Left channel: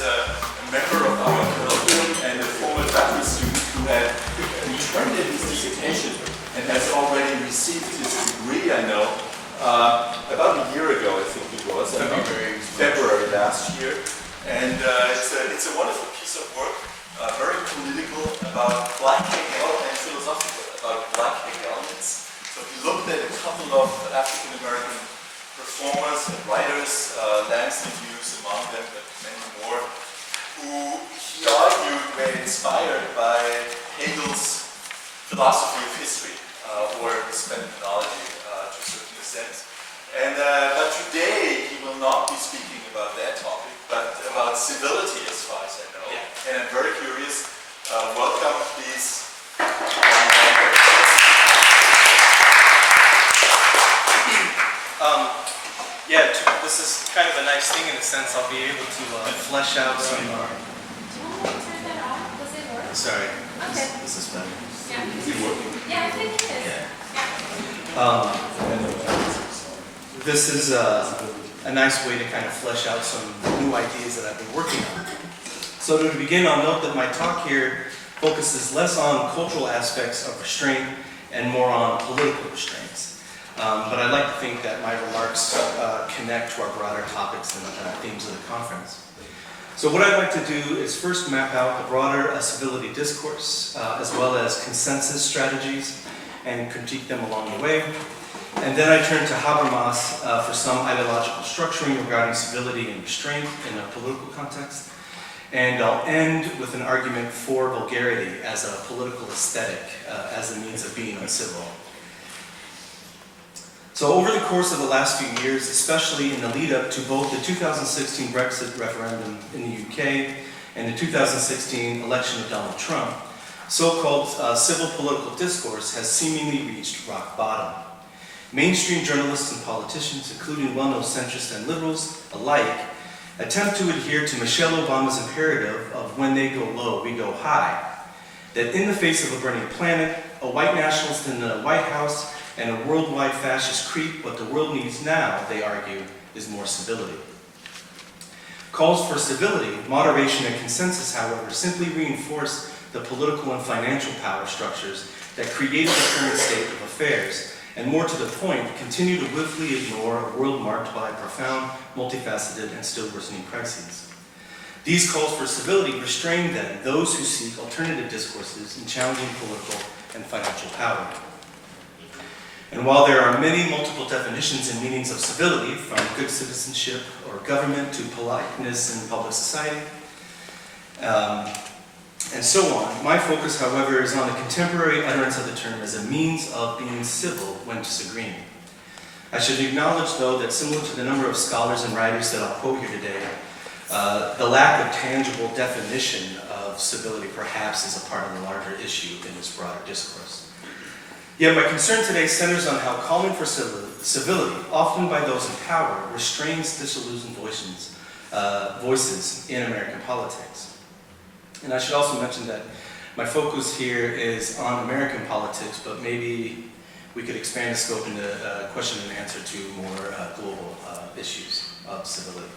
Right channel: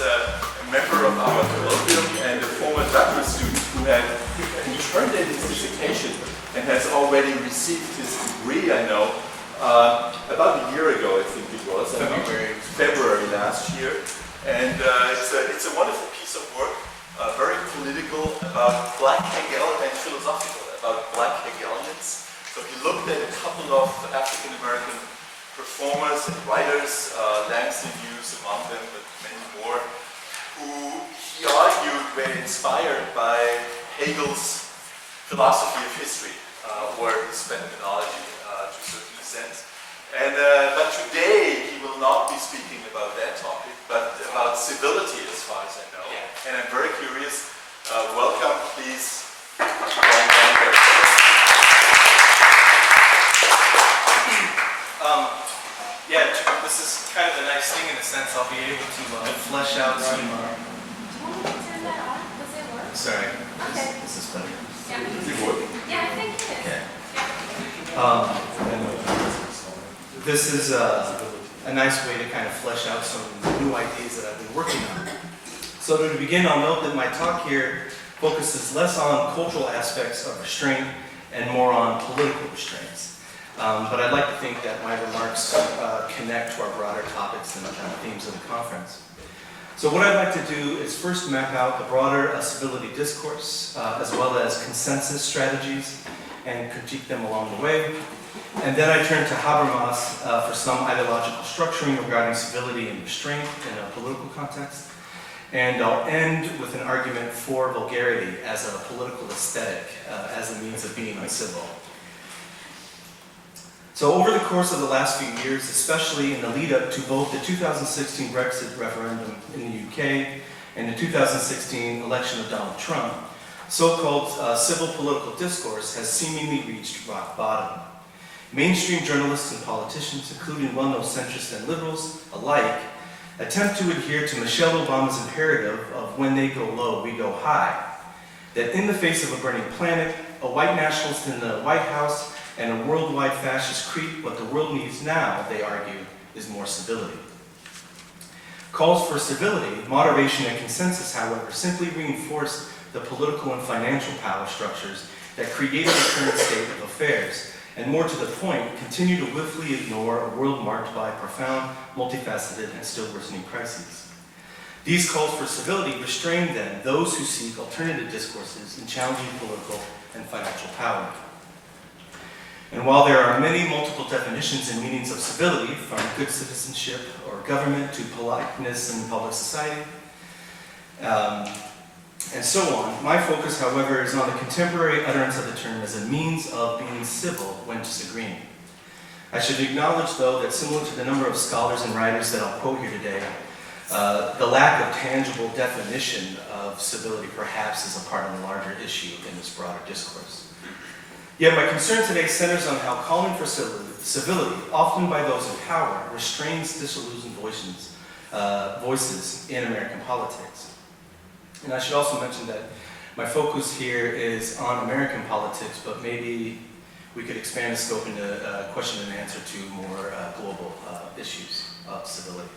a member of our colloquium and a former doctoral student who had turned in his dissertation and has already received his degree, I know, about a year ago, I think it was, February last year. And it's a wonderful piece of work, very political, about Black Hegel and philosophical, about Black Hegelians. So he looked at a couple of African-American performers and writers, Langston Hughes among them, but many more, who he argued were inspired by Hegel's philosophy of history, or his phenomenology to a certain extent. And, but today he will not be speaking about that topic, but about civility as far as I know. Yeah. And I'm very curious. Welcome, please. This is kind of a nice thing in a sense. I'll be able to flesh out some. Do you want me to turn that off? Does it work? Sorry. Okay. This is better. Yeah. Is it working? Yeah, I think it is. Okay. Yeah. This is a nice way to kind of flesh out some new ideas that I've been working on. So to begin, I'll note that my talk here focuses less on cultural aspects of restraint and more on political restraints. But I'd like to think that my remarks connect to our broader topics and themes of the conference. So what I'd like to do is first map out the broader civility discourse, as well as consensus strategies, and critique them along the way. And then I turn to Habermas for some ideological structuring regarding civility and restraint in a political context. And I'll end with an argument for vulgarity as a political aesthetic, as a means of being uncivil. So over the course of the last few years, especially in the lead up to both the 2016 Brexit referendum in the UK and the 2016 election of Donald Trump, so-called civil political discourse has seemingly reached rock bottom. Mainstream journalists and politicians, including well-known centrists and liberals alike, attempt to adhere to Michelle Obama's imperative of when they go low, we go high. That in the face of a burning planet, a white nationalist in the White House, and a worldwide fascist creep, what the world needs now, they argue, is more civility. Calls for civility, moderation, and consensus, however, simply reinforce the political and financial power structures that created the current state of affairs, and more to the point, continue to willfully ignore a world marked by profound, multifaceted, and still worsening crises. These calls for civility restrain, then, those who seek alternative discourses in challenging political and financial power. And while there are many multiple definitions and meanings of civility, from good citizenship or government to politeness in public society, and so on, my focus, however, is on the contemporary utterance of the term as a means of being civil when disagreeing. I should acknowledge, though, that similar to the number of scholars and writers that I'll quote here today, the lack of tangible definition of civility perhaps is a part of the larger issue in this broader discourse. Yet my concern today centers on how calling for civility, often by those in power, restrains disillusioned voices in American politics. And I should also mention that my focus here is on American politics, but maybe we could expand the scope into question and answer to more global issues of civility.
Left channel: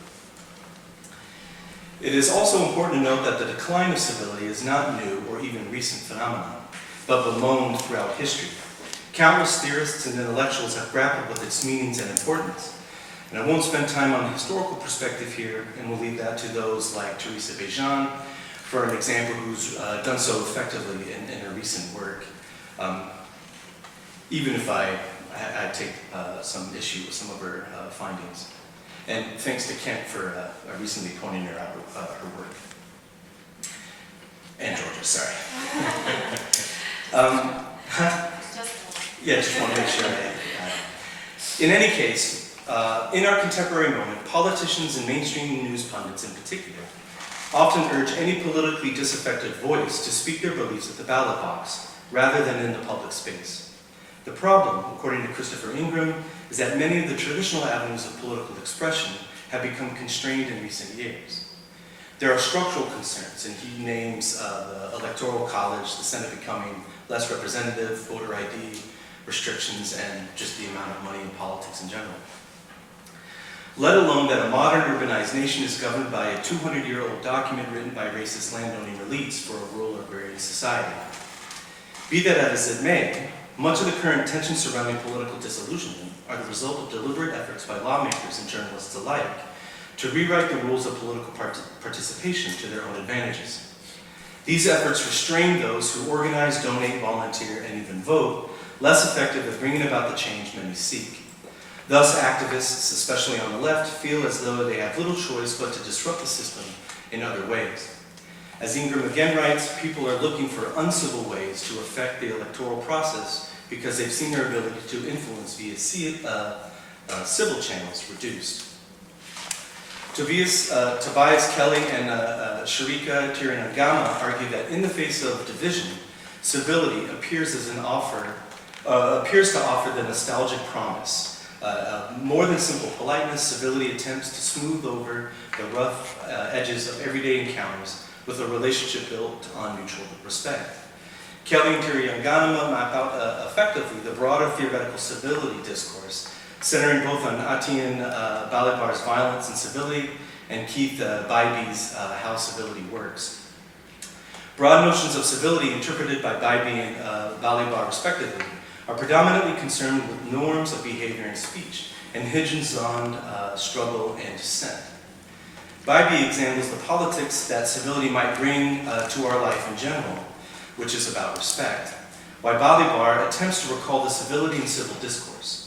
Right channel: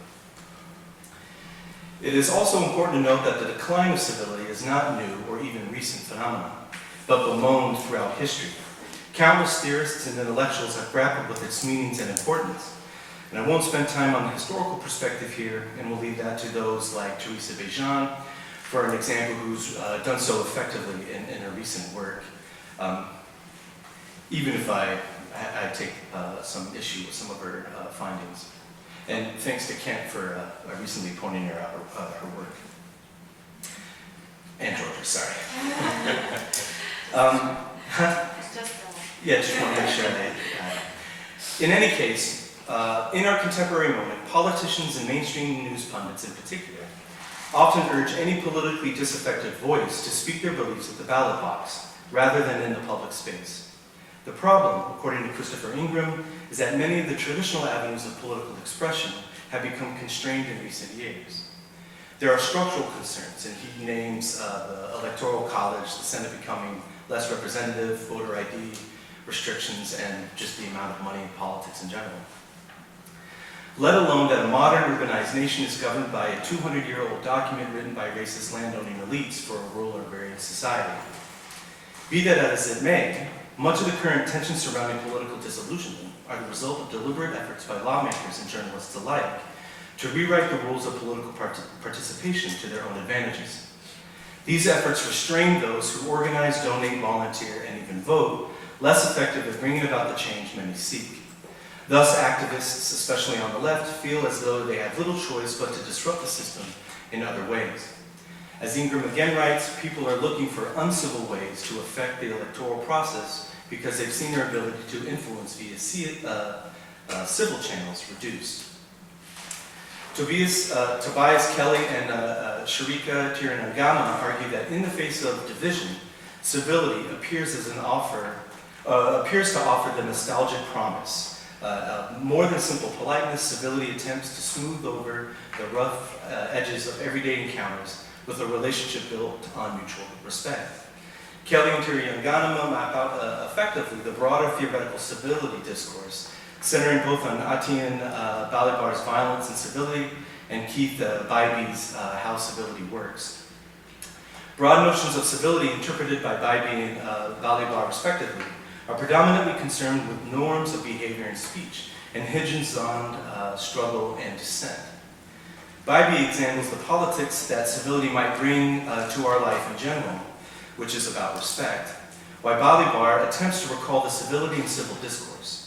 It is also important to note that the decline of civility is not new or even recent phenomenon, but bemoaned throughout history. Countless theorists and intellectuals have grappled with its meanings and importance. And I won't spend time on the historical perspective here, and we'll leave that to those like Teresa Bejan, for an example, who's done so effectively in her recent work, even if I take some issue with some of her findings. And thanks to Kent for recently pointing her out her work. And Georgia, sorry. Yeah, just want to make sure in any case, in our contemporary moment, politicians and mainstream news pundits in particular often urge any politically disaffected voice to speak their beliefs at the ballot box, rather than in the public space. The problem, according to Christopher Ingram, is that many of the traditional avenues of political expression have become constrained in recent years. There are structural concerns, and he names the Electoral College, the Senate becoming less representative, voter ID, restrictions, and just the amount of money in politics in general. let alone that a modern urbanized nation is governed by a 200-year-old document written by racist landowning elites for a rural agrarian society. Be that as it may, much of the current tension surrounding political disillusionment are the result of deliberate efforts by lawmakers and journalists alike to rewrite the rules of political participation to their own advantages. These efforts restrain those who organize, donate, volunteer, and even vote, less effective at bringing about the change many seek. Thus, activists, especially on the left, feel as though they have little choice but to disrupt the system in other ways. As Ingram again writes, people are looking for uncivil ways to affect the electoral process because they've seen their ability to influence via civil channels reduced. Tobias Kelly and Sharika Tirunangama argue that in the face of division, civility appears to offer the nostalgic promise. More than simple politeness, civility attempts to smooth over the rough edges of everyday encounters with a relationship built on mutual respect. Kelly and Tirunangama map out effectively the broader theoretical civility discourse, centering both on Atiyan Balibar's Violence and Civility and Keith Bybee's How Civility Works. Broad notions of civility interpreted by Bybee and Balibar respectively are predominantly concerned with norms of behavior and speech and hinges on struggle and dissent. Bybee examines the politics that civility might bring to our life in general, which is about respect, while Balibar attempts to recall the civility in civil discourse.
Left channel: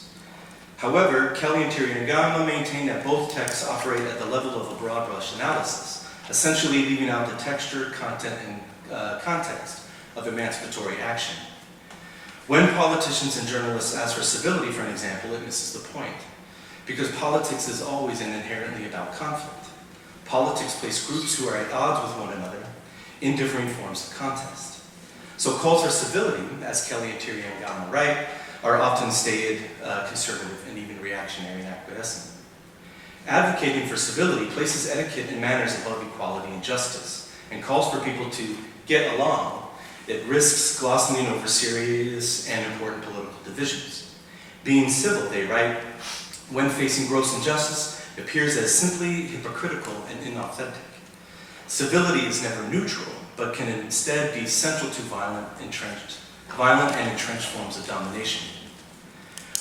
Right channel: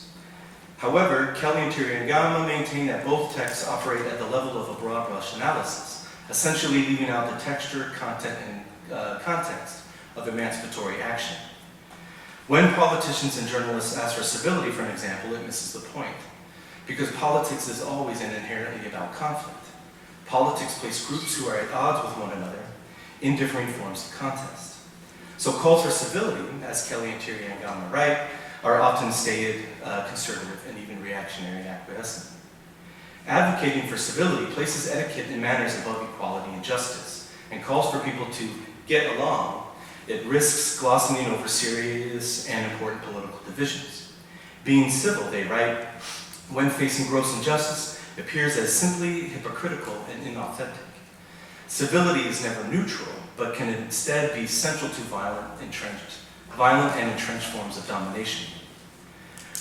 However, Kelly and Tirunangama maintain that both texts operate at the level of a broad brush analysis, essentially leaving out the texture, content, and context of emancipatory action. When politicians and journalists ask for civility, for an example, it misses the point, because politics is always and inherently about conflict. Politics place groups who are at odds with one another in differing forms of contest. So calls for civility, as Kelly and Tirunangama write, are often stated conservative and even reactionary and acquiescent. Advocating for civility places etiquette and manners above equality and justice, and calls for people to get along. It risks glossing over serious and important political divisions. Being civil, they write, when facing gross injustice, appears as simply hypocritical and inauthentic. Civility is never neutral, but can instead be central to violent and entrenched forms of domination.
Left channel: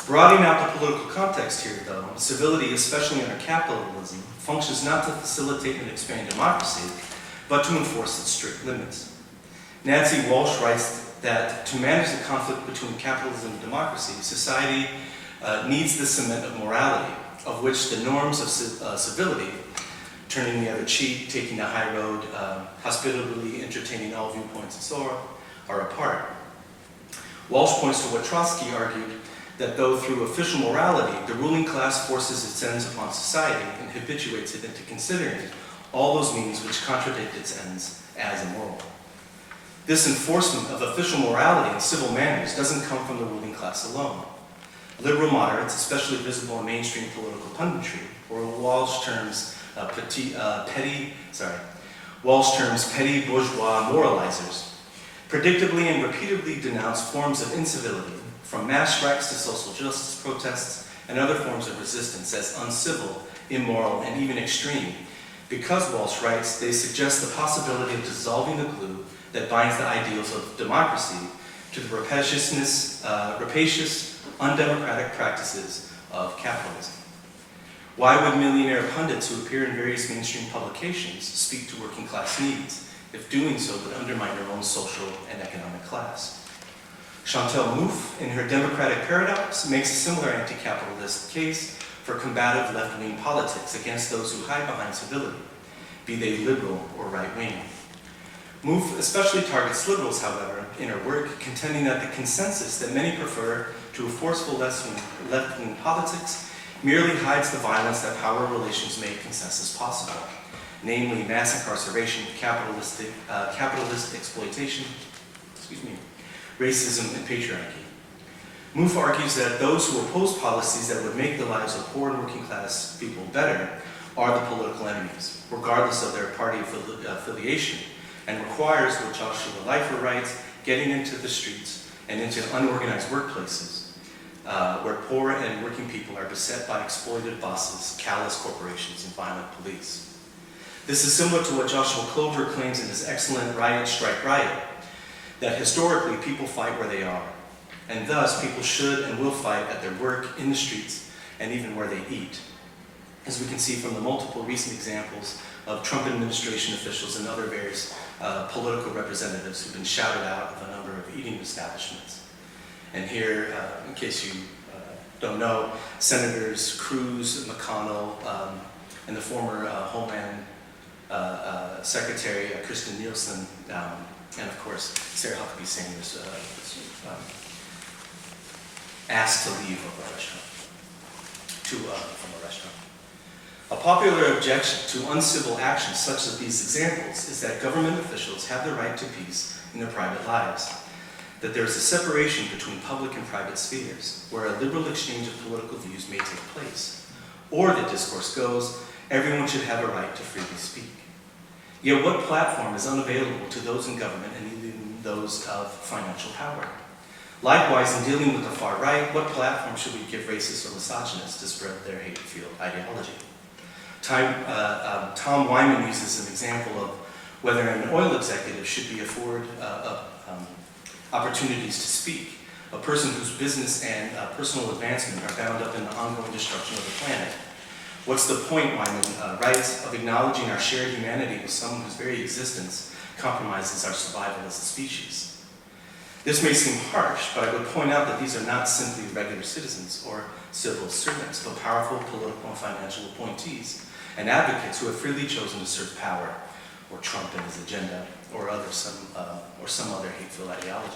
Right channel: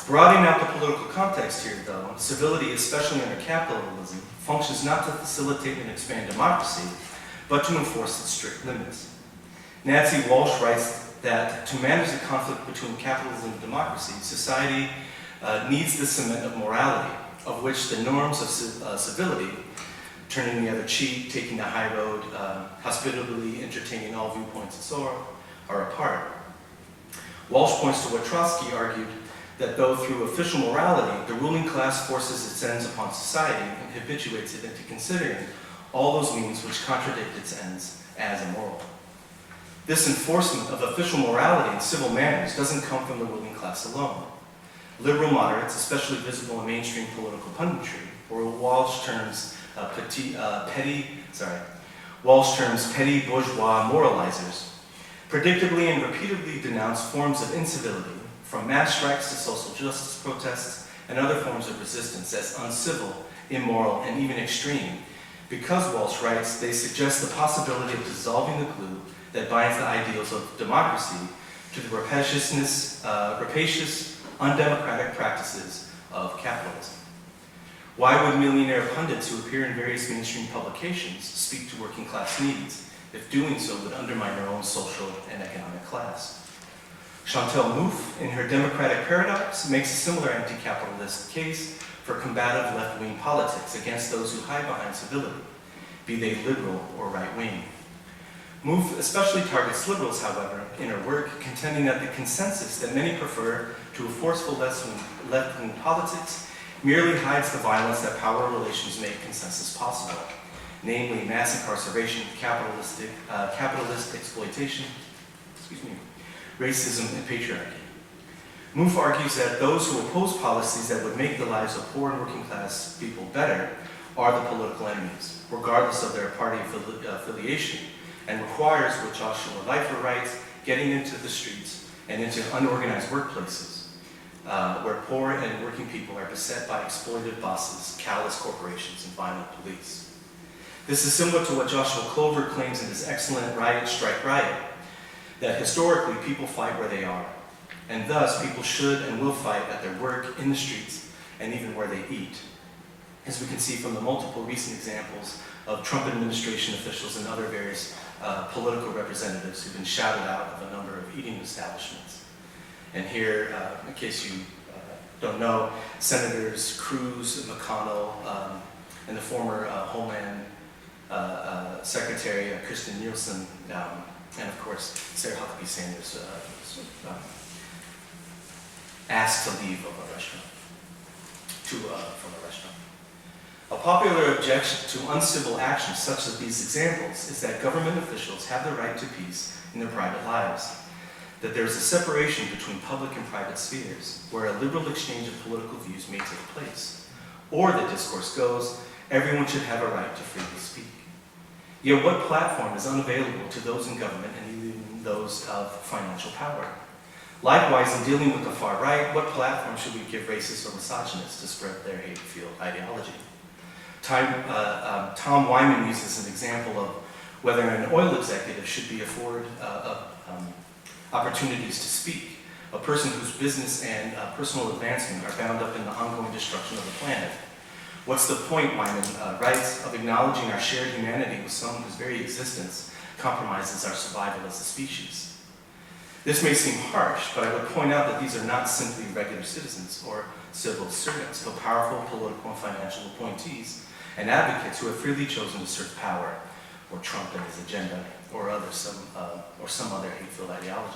Broadening out the political context here, though, civility, especially under capitalism, functions not to facilitate and expand democracy, but to enforce its strict limits. Nancy Walsh writes that to manage the conflict between capitalism and democracy, society needs the cement of morality, of which the norms of civility, turning the other cheek, taking the high road, hospitably entertaining all viewpoints and so on, are a part. Walsh points to what Trotsky argued, that though through official morality, the ruling class forces its ends upon society and habituates it into considering all those means which contradict its ends as immoral. This enforcement of official morality and civil manners doesn't come from the ruling class alone. Liberal moderates, especially visible in mainstream political punditry, or Walsh terms petty bourgeois moralizers, predictably and repeatedly denounce forms of incivility, from mass strikes to social justice protests and other forms of resistance, as uncivil, immoral, and even extreme. Because, Walsh writes, they suggest the possibility of dissolving the glue that binds the ideals of democracy to the rapacious, undemocratic practices of capitalism. Why would millionaire pundits who appear in various mainstream publications speak to working class needs, if doing so would undermine their own social and economic class? Chantal Mouffe, in her Democratic Paradox, makes a similar anti-capitalist case for combative left-wing politics against those who hide behind civility, be they liberal or right-wing. Mouffe especially targets liberals, however, in her work, contending that the consensus that many prefer to a forceful left-wing politics merely hides the violence that power relations make consensus possible, namely mass incarceration, capitalist exploitation, racism, and patriarchy. Mouffe argues that those who oppose policies that would make the lives of poor and working class people better are the political enemies, regardless of their party affiliation, and requires, what Joshua Leifer writes, getting into the streets and into unorganized workplaces. where poor and working people are beset by exploited bosses, callous corporations, and violent police. This is similar to what Joshua Clover claims in his excellent Riot, Strike, Riot, that historically people fight where they are, and thus people should and will fight at their work, in the streets, and even where they eat. As we can see from the multiple recent examples of Trump administration officials and other various political representatives who've been shouted out of a number of eating establishments. And here, in case you don't know, Senators Cruz, McConnell, and the former Homeland Secretary Kristen Nielsen, and of course Sarah Huckabee Sanders, asked to leave of a restaurant, from a restaurant. A popular objection to uncivil actions such as these examples is that government officials have the right to peace in their private lives, that there is a separation between public and private spheres, where a liberal exchange of political views may take place. Or the discourse goes, everyone should have a right to freely speak. Yet what platform is unavailable to those in government and even those of financial power? Likewise, in dealing with the far right, what platform should we give racists or misogynists to spread their hate-filled ideology? Tom Wyman uses an example of whether an oil executive should be afforded opportunities to speak, a person whose business and personal advancement are bound up in the ongoing destruction of the planet. What's the point, Wyman writes, of acknowledging our shared humanity with someone whose very existence compromises our survival as a species? This may seem harsh, but I would point out that these are not simply regular citizens or civil servants, but powerful political and financial appointees and advocates who have freely chosen to serve power, or Trump and his agenda, or some other hateful ideology.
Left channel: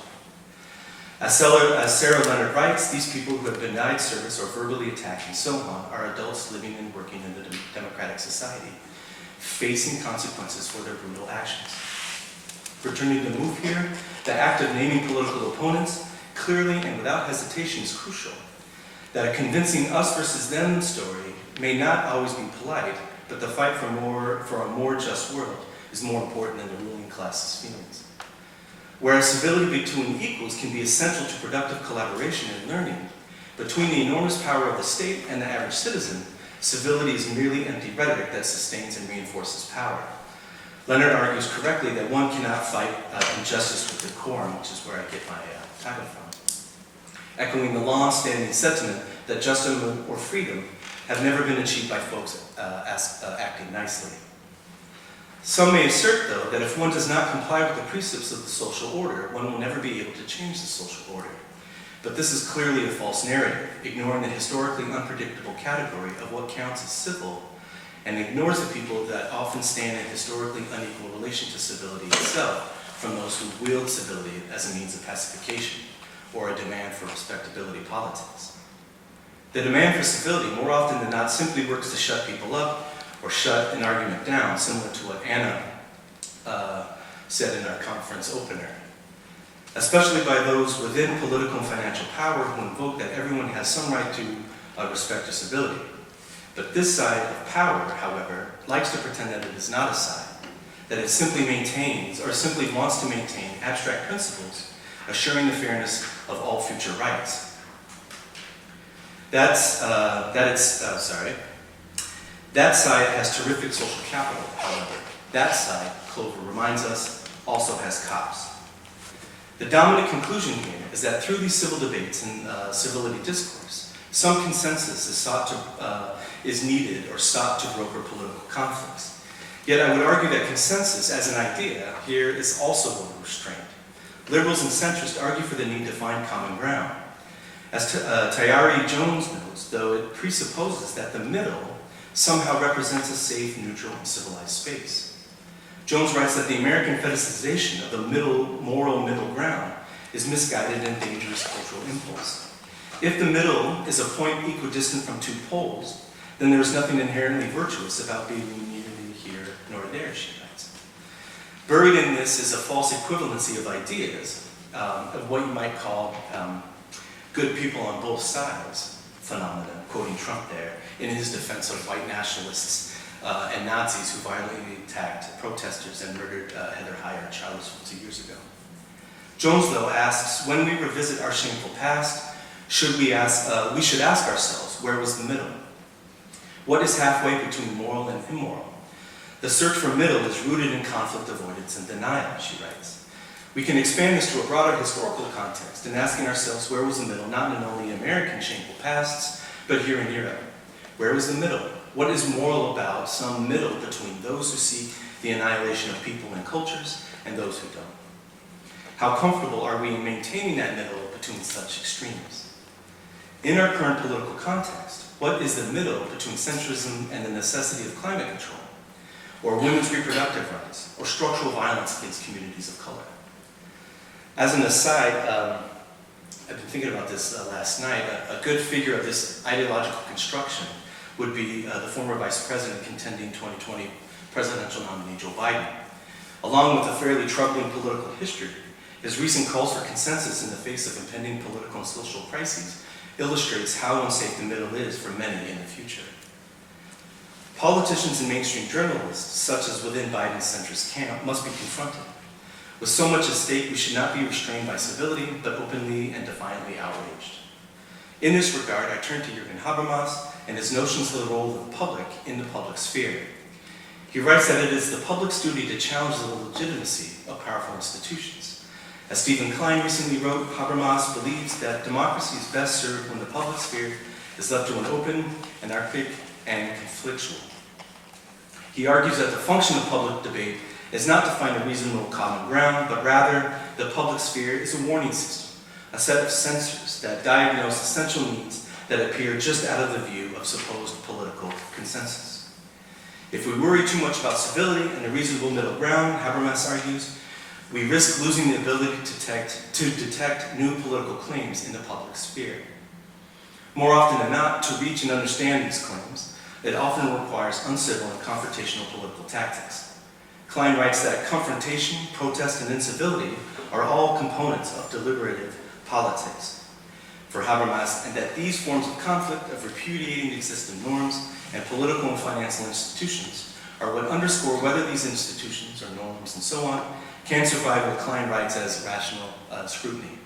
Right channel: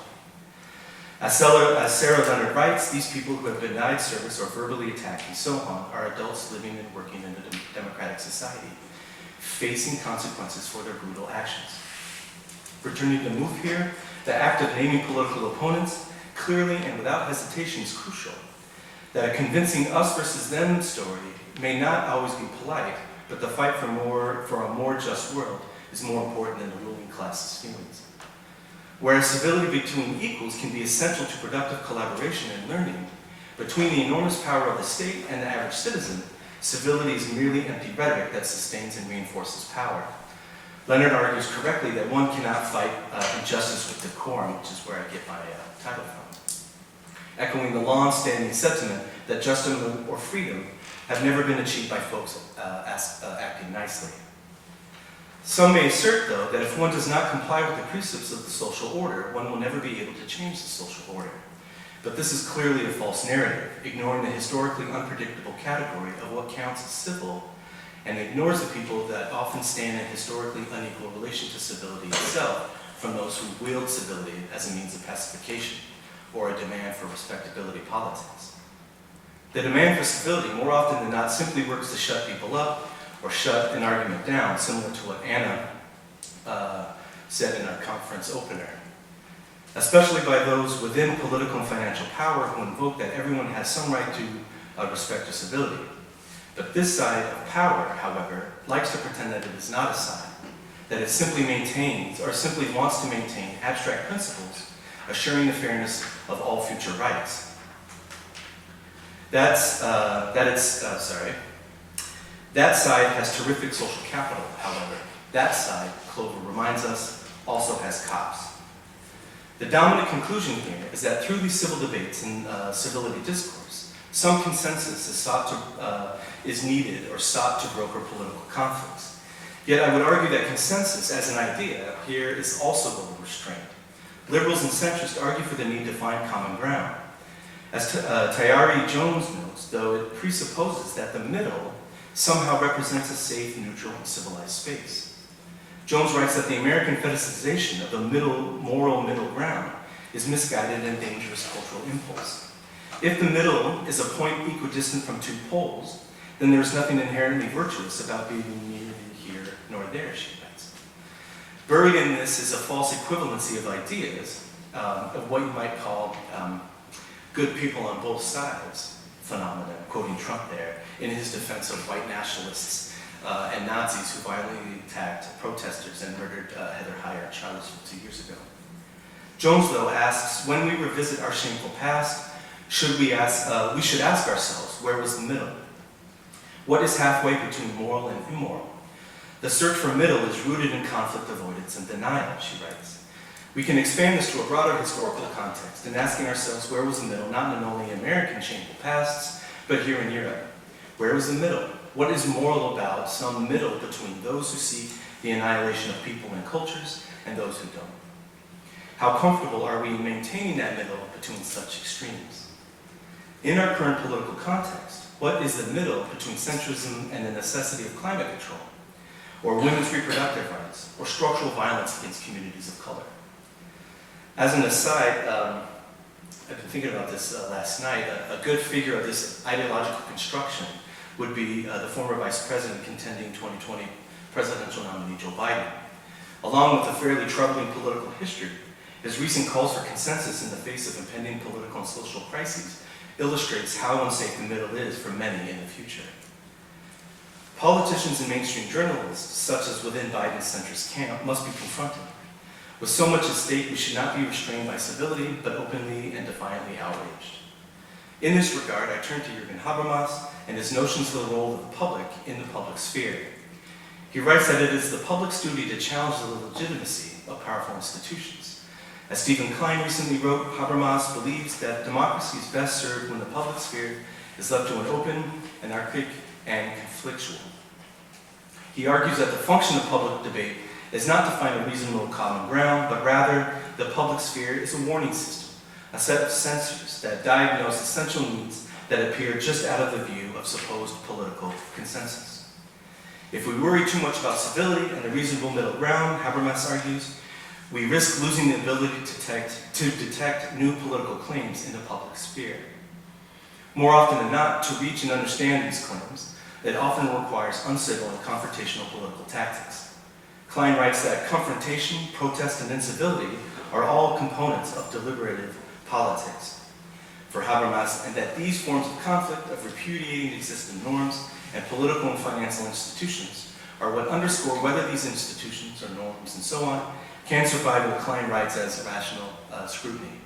As Sarah Leonard writes, these people who have denied service or verbally attacked and so on are adults living and working in a democratic society, facing consequences for their brutal actions. Returning to move here, the act of naming political opponents clearly and without hesitation is crucial. That a convincing us versus them story may not always be polite, but the fight for a more just world is more important than the ruling class's feelings. Whereas civility between equals can be essential to productive collaboration and learning, between the enormous power of the state and the average citizen, civility is merely empty rhetoric that sustains and reinforces power. Leonard argues correctly that one cannot fight injustice with decorum, which is where I get my title from, echoing the long-standing sentiment that justice or freedom have never been achieved by folks acting nicely. Some may assert, though, that if one does not comply with the precepts of the social order, one will never be able to change the social order. But this is clearly a false narrative, ignoring the historically unpredictable category of what counts as civil, and ignores the people that often stand in historically unequal relation to civility itself from those who wield civility as a means of pacification or a demand for respectability politics. The demand for civility, more often than not, simply works to shut people up or shut an argument down, similar to what Anna said in our conference opener. Especially by those within political and financial power who invoke that everyone has some right to respect or civility. But this side of power, however, likes to pretend that it is not a side, that it simply maintains or simply wants to maintain abstract principles, assuring the fairness of all future rights. That side has terrific social capital, however. That side, Clover reminds us, also has cops. The dominant conclusion here is that through these civil debates and civility discourse, some consensus is needed or sought to broker political conflicts. Yet I would argue that consensus as an idea here is also a restraint. Liberals and centrists argue for the need to find common ground. As Tayari Jones notes, though, it presupposes that the middle somehow represents a safe, neutral, and civilized space. Jones writes that the American fetishization of the moral middle ground is misguided and dangerous cultural impulse. If the middle is a point equidistant from two poles, then there is nothing inherently virtuous about being neither here nor there, she writes. Buried in this is a false equivalency of ideas, of what you might call good people on both sides phenomenon, quoting Trump there, in his defense of white nationalists and Nazis who violently attacked protesters and murdered Heather Heyer in Charlottesville 2 years ago. Jones, though, asks, when we revisit our shameful past, we should ask ourselves, where was the middle? What is halfway between moral and immoral? The search for middle is rooted in conflict avoidance and denial, she writes. We can expand this to a broader historical context in asking ourselves where was the middle, not in only American shameful pasts, but here in Europe. Where was the middle? What is moral about some middle between those who seek the annihilation of people and cultures and those who don't? How comfortable are we in maintaining that middle between such extremes? In our current political context, what is the middle between centrism and the necessity of climate control, or women's reproductive rights, or structural violence against communities of color? As an aside, I've been thinking about this last night. A good figure of this ideological construction would be the former vice president contending 2020 presidential nominee Joe Biden. Along with a fairly troubling political history, his recent calls for consensus in the face of impending political and social crises illustrates how unsafe the middle is for many in the future. Politicians and mainstream journalists, such as within Biden's centrist camp, must be confronted. With so much at stake, we should not be restrained by civility, but openly and defiantly outraged. In this regard, I turn to Jürgen Habermas and his notions of the role of the public in the public sphere. He writes that it is the public's duty to challenge the legitimacy of powerful institutions. As Stephen Klein recently wrote, Habermas believes that democracy is best served when the public sphere is left to an open, anarchic, and conflictual. He argues that the function of public debate is not to find a reasonable common ground, but rather the public sphere is a warning system, a set of sensors that diagnose essential needs that appear just out of the view of supposed political consensus. If we worry too much about civility and the reasonable middle ground, Habermas argues, we risk losing the ability to detect new political claims in the public sphere. More often than not, to reach and understand these claims, it often requires uncivil and confrontational political tactics. Klein writes that confrontation, protest, and incivility are all components of deliberative politics for Habermas, and that these forms of conflict, of repudiating existing norms and political and financial institutions, are what underscore whether these institutions or norms and so on can survive what Klein writes as rational scrutiny.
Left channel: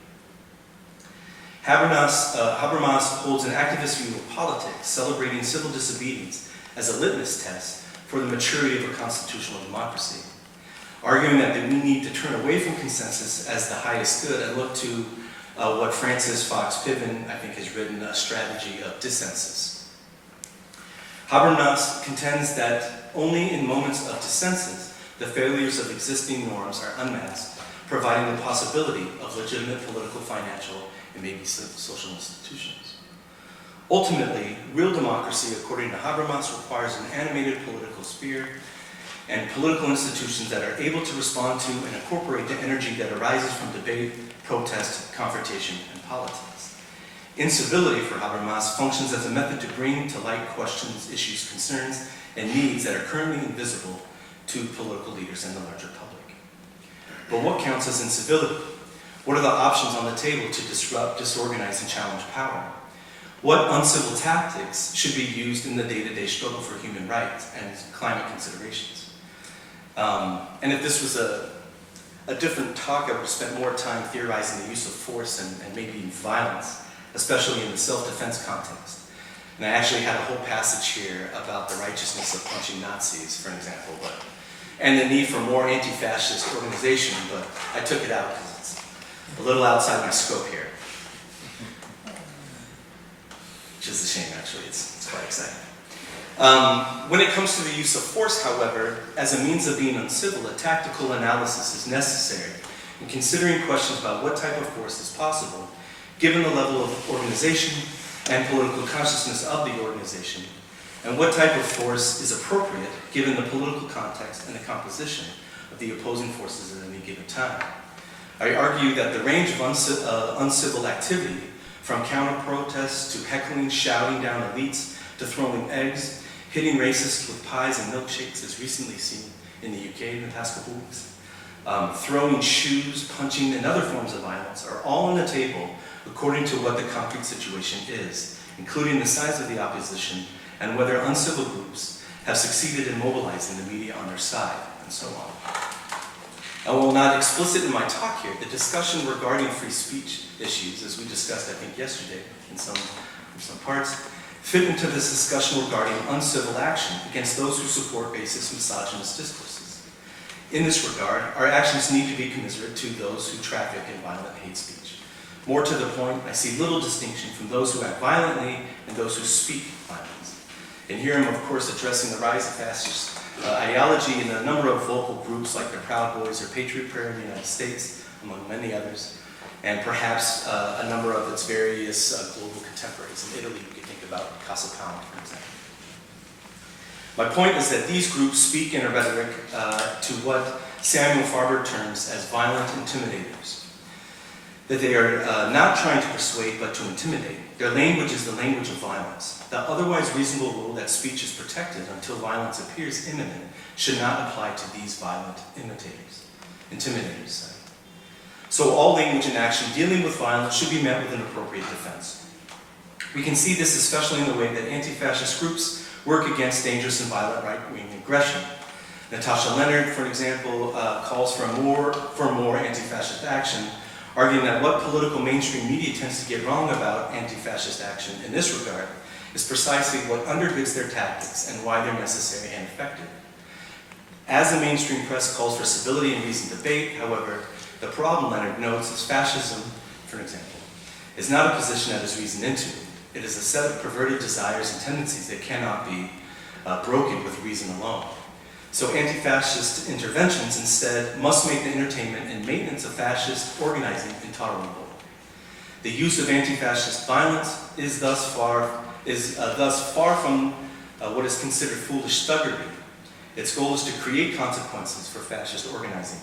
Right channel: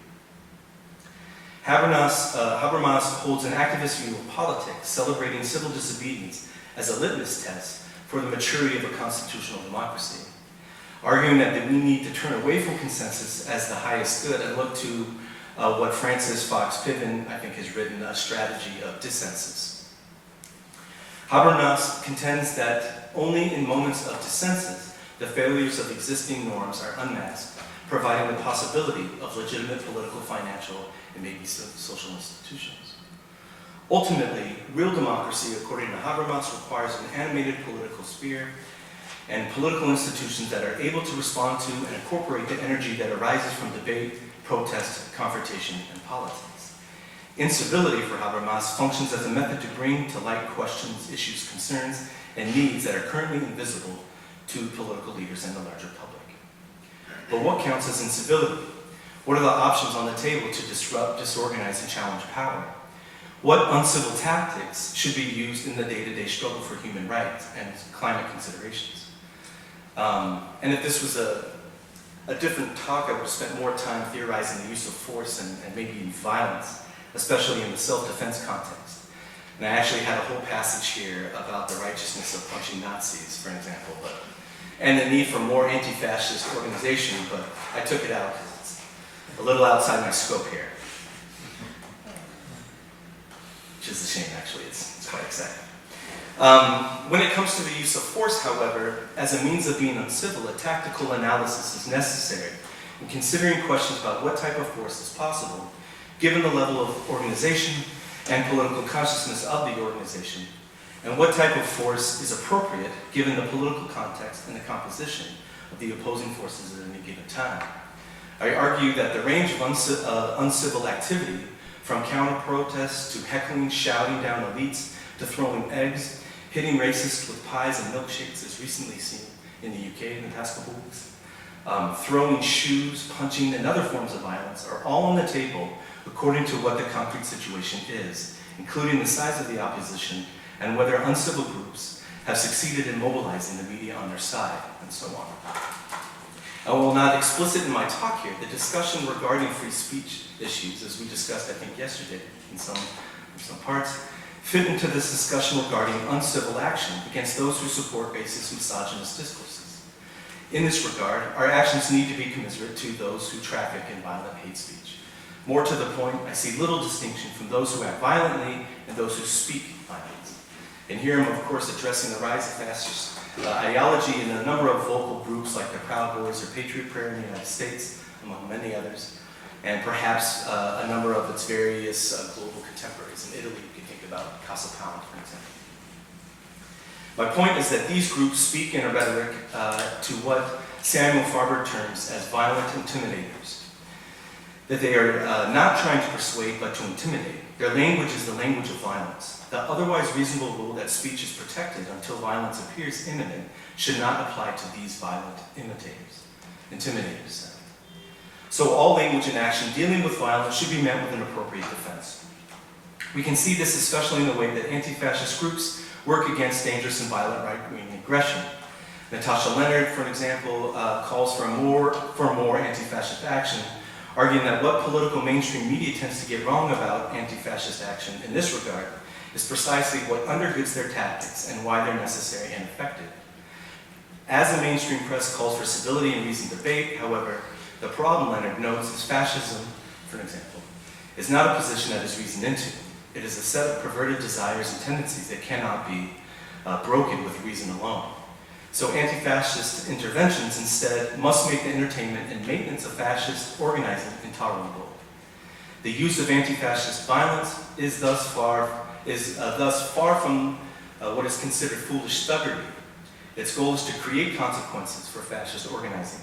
Habermas holds an activist view of politics, celebrating civil disobedience as a litmus test for the maturity of a constitutional democracy, arguing that we need to turn away from consensus as the highest good and look to what Francis Fox Piven, I think, has written, a strategy of dissensus. Habermas contends that only in moments of dissensus the failures of existing norms are unmasked, providing the possibility of legitimate political, financial, and maybe social institutions. Ultimately, real democracy, according to Habermas, requires an animated political sphere and political institutions that are able to respond to and incorporate the energy that arises from debate, protest, confrontation, and politics. Incivility, for Habermas, functions as a method to bring to light questions, issues, concerns, and needs that are currently invisible to political leaders and the larger public. But what counts as incivility? What are the options on the table to disrupt, disorganize, and challenge power? What uncivil tactics should be used in the day-to-day struggle for human rights and climate considerations? And if this was a different talk, I would have spent more time theorizing the use of force and maybe even violence, especially in the self-defense context. And I actually had a whole passage here about the righteousness of punching Nazis, for example, and the need for more anti-fascist organization, but I took it out because it's a little outside my scope here. Which is a shame, actually. It's quite exciting. When it comes to the use of force, however, as a means of being uncivil, a tactical analysis is necessary in considering questions about what type of force is possible, given the level of organization and political consciousness of the organization, and what type of force is appropriate given the political context and the composition of the opposing forces at any given time. I argue that the range of uncivil activity, from counter-protests to heckling, shouting down elites, to throwing eggs, hitting racists with pies and milkshakes, as recently seen in the UK in the past couple weeks, throwing shoes, punching, and other forms of violence are all on the table according to what the concrete situation is, including the size of the opposition and whether uncivil groups have succeeded in mobilizing the media on their side, and so on. While not explicit in my talk here, the discussion regarding free speech issues, as we discussed, I think, yesterday in some parts, fit into this discussion regarding uncivil action against those who support racist, misogynist discourses. In this regard, our actions need to be commiserate to those who traffic in violent hate speech. More to the point, I see little distinction from those who act violently and those who speak violence. And here I'm, of course, addressing the rise of fascist ideology in a number of vocal groups like the Proud Boys or Patriot Prayer in the United States, among many others, and perhaps a number of its various global contemporaries. In Italy, you could think about Casa Pound, for example. My point is that these groups speak in a rhetoric to what Samuel Farber terms as violent intimidators. That they are not trying to persuade, but to intimidate. Their language is the language of violence. The otherwise reasonable rule that speech is protected until violence appears imminent should not apply to these violent intimidators. So all language and action dealing with violence should be met with an appropriate defense. We can see this especially in the way that anti-fascist groups work against dangerous and violent right-wing aggression. Natasha Leonard, for example, calls for more anti-fascist action, arguing that what political mainstream media tends to get wrong about anti-fascist action in this regard is precisely what undergirds their tactics and why they're necessary and effective. As the mainstream press calls for civility and reasoned debate, however, the problem, Leonard notes, is fascism, for example, is not a position that is reasoned into. It is a set of perverted desires and tendencies that cannot be broken with reason alone. So anti-fascist interventions instead must make the entertainment and maintenance of fascist organizing intolerable. The use of anti-fascist violence is thus far from what is considered foolish thuggery. Its goal is to create consequences for fascist organizing.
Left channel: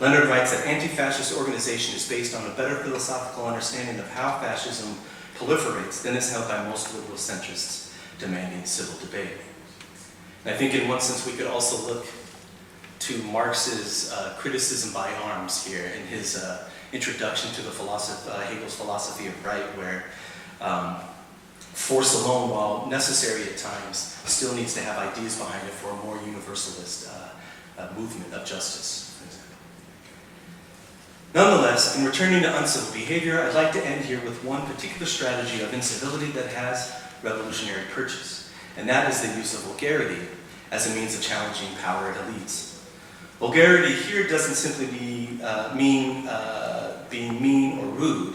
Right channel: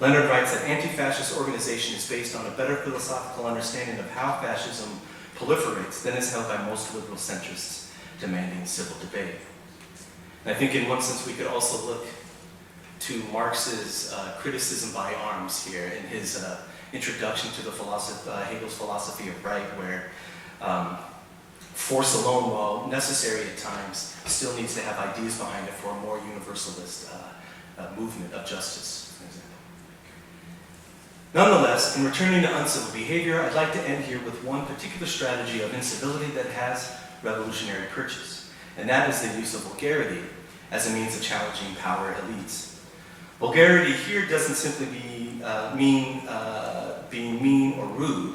Leonard writes that anti-fascist organization is based on a better philosophical understanding of how fascism proliferates than is held by most liberal centrists demanding civil debate. And I think in one sense we could also look to Marx's criticism by arms here in his introduction to the Hegel's philosophy of right, where force alone, while necessary at times, still needs to have ideas behind it for a more universalist movement of justice, for example. Nonetheless, in returning to uncivil behavior, I'd like to end here with one particular strategy of incivility that has revolutionary purchase, and that is the use of vulgarity as a means of challenging power elites. Vulgarity here doesn't simply mean being mean or rude,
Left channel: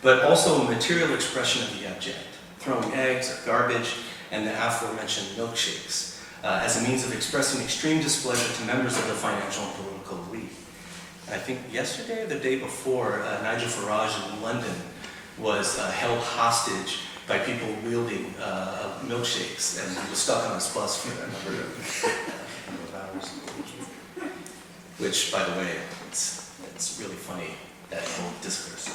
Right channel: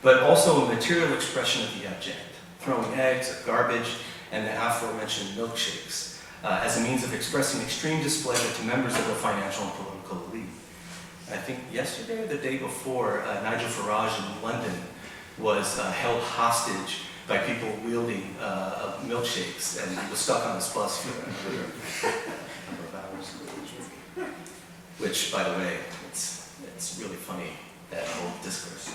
but also a material expression of the abject, throwing eggs or garbage and the aforementioned milkshakes as a means of expressing extreme displeasure to members of the financial and political elite. And I think yesterday or the day before, Nigel Farage in London was held hostage by people wielding milkshakes, and he was stuck on this bus for a number of hours. Which, by the way, it's really funny, that whole discourse.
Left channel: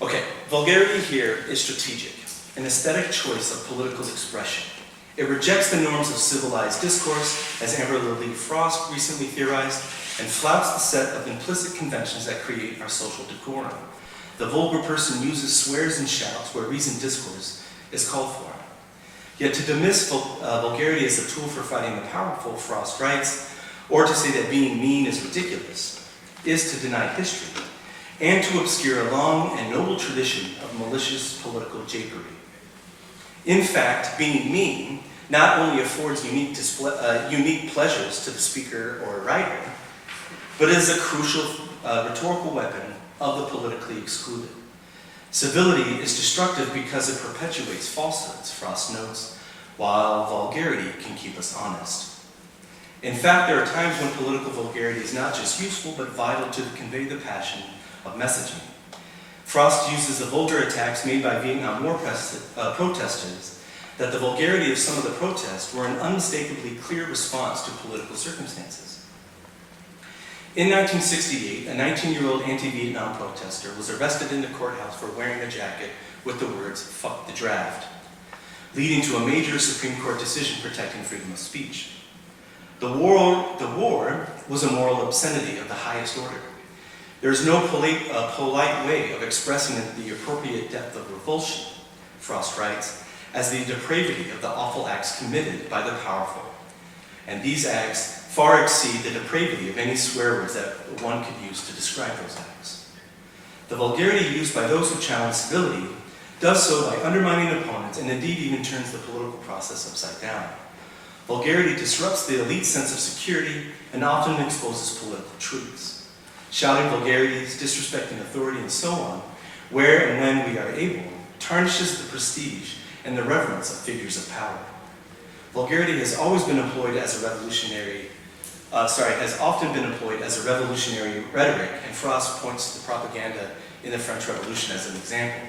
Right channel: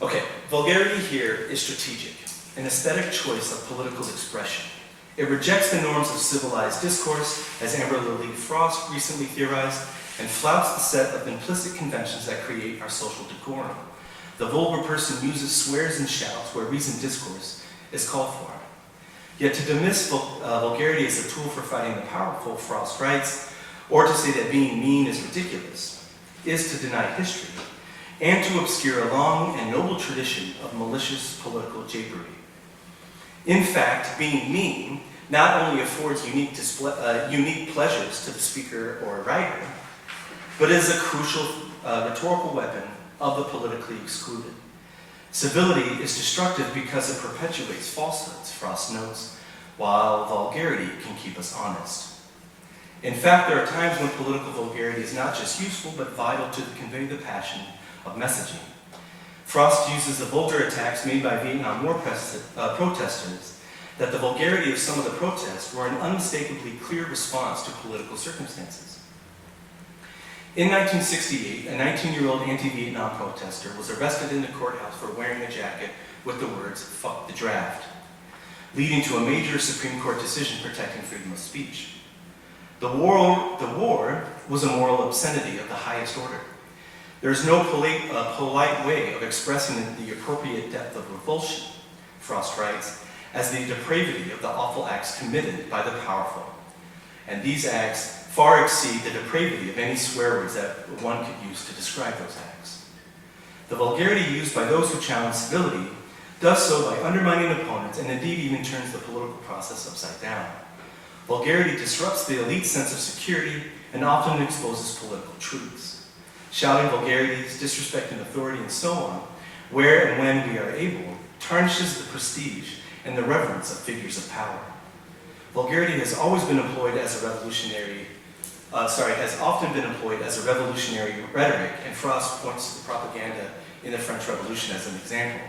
Okay, vulgarity here is strategic, an aesthetic choice of political expression. It rejects the norms of civilized discourse, as Amber Lily Frost recently theorized, and flouts the set of implicit conventions that create our social decorum. The vulgar person uses swears and shouts where reasoned discourse is called for. Yet to dismiss vulgarity as a tool for fighting the powerful, Frost writes, or to say that being mean is ridiculous, is to deny history, and to obscure a long and noble tradition of malicious political japery. In fact, being mean not only affords unique pleasures to the speaker or writer, but is a crucial rhetorical weapon of the politically excluded. Civility is destructive because it perpetuates falsehoods, Frost notes, while vulgarity can keep us honest. In fact, there are times when political vulgarity is not just useful, but vital to convey the passion of messaging. Frost uses the vulgar attacks made by Vietnam War protesters, that the vulgarity of some of the protests were an unmistakably clear response to political circumstances. In 1968, a 19-year-old anti-Vietnam protester was arrested in the courthouse for wearing a jacket with the words, "Fuck the draft," leading to a major Supreme Court decision protecting freedom of speech. The war was a moral obscenity of the highest order. There is no polite way of expressing the appropriate depth of revulsion, Frost writes, as the depravity of the awful acts committed by the powerful. And these acts far exceed the depravity of any swear words that one could use to describe those acts. The vulgarity used by those who challenge civility does so by undermining opponents and indeed even turns the political process upside down. Vulgarity disrupts the elite's sense of security and often exposes political truths. Shouting vulgarities, disrespecting authority, and so on, where and when we are able, tarnishes the prestige and the reverence of figures of power. Vulgarity has always been employed as a revolutionary, has often been employed as a revolutionary rhetoric, and Frost points to the propaganda in the French Revolution as an example,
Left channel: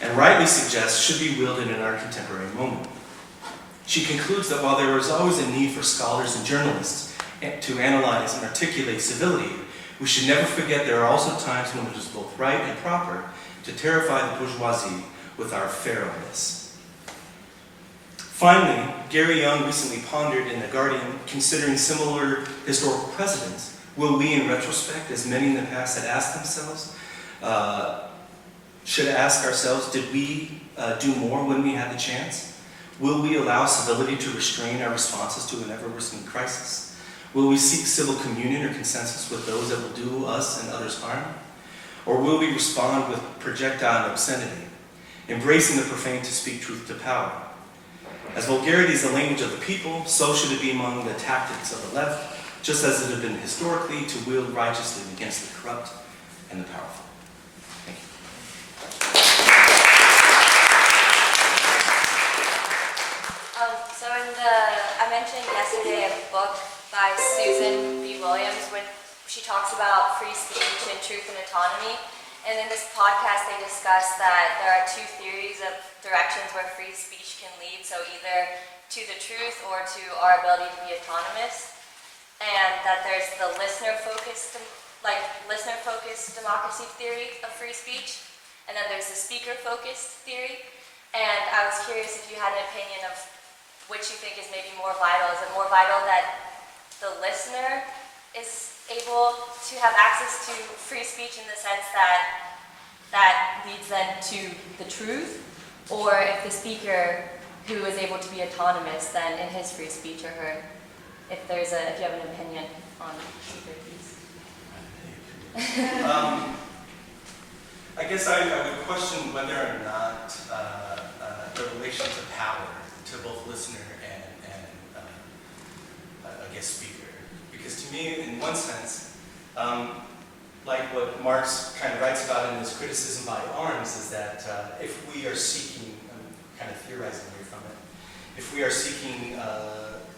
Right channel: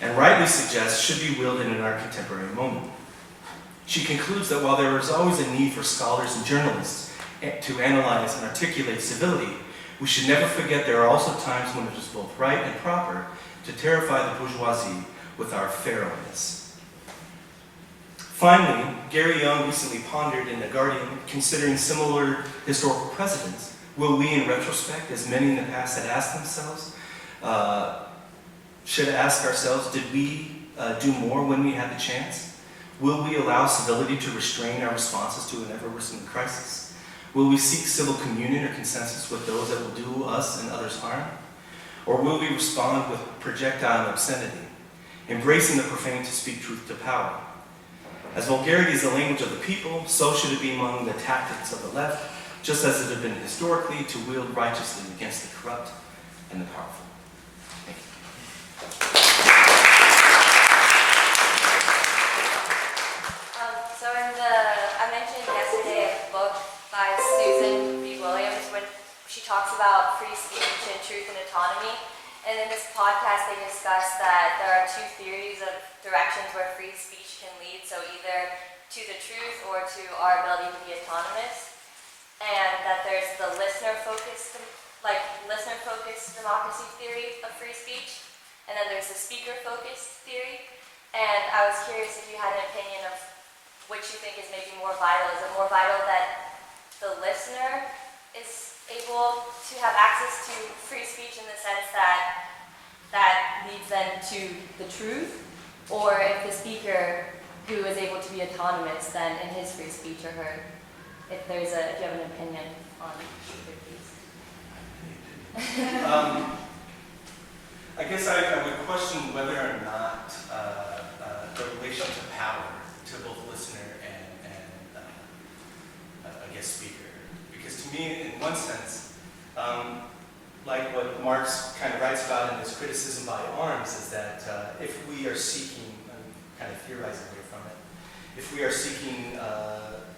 and rightly suggests should be wielded in our contemporary moment. She concludes that while there is always a need for scholars and journalists to analyze and articulate civility, we should never forget there are also times when it is both right and proper to terrify the bourgeoisie with our feralness. Finally, Gary Young recently pondered in The Guardian, considering similar historical precedents, will we in retrospect, as many in the past had asked themselves, should ask ourselves, did we do more when we had the chance? Will we allow civility to restrain our responses to an ever-worsening crisis? Will we seek civil communion or consensus with those that will do us and others harm? Or will we respond with projectile obscenity, embracing the profane to speak truth to power? As vulgarity is the language of the people, so should it be among the tactics of the left, just as it had been historically to wield righteously against the corrupt and the powerful. Thank you. I mentioned yesterday a book by Susan B. Williams when she talks about free speech and truth and autonomy. And in this podcast, they discuss that there are two theories of directions where free speech can lead. So either to the truth or to our ability to be autonomous. And that there's the listener-focused democracy theory of free speech. And then there's the speaker-focused theory. And I was curious if you had an opinion of which you think is maybe more vital. Is it more vital that the listener is able to have access to free speech in the sense that that leads them to the truth? Or if the speaker who is able to be autonomous then in his free speech or her, if you have an opinion on either piece? I guess I would question whether or not the relation to power to both listener and I guess speaker. Because to me, in one sense, like what Marx kind of writes about in his criticism by arms, is that if we are seeking, I'm kind of theorizing here from it, if we are seeking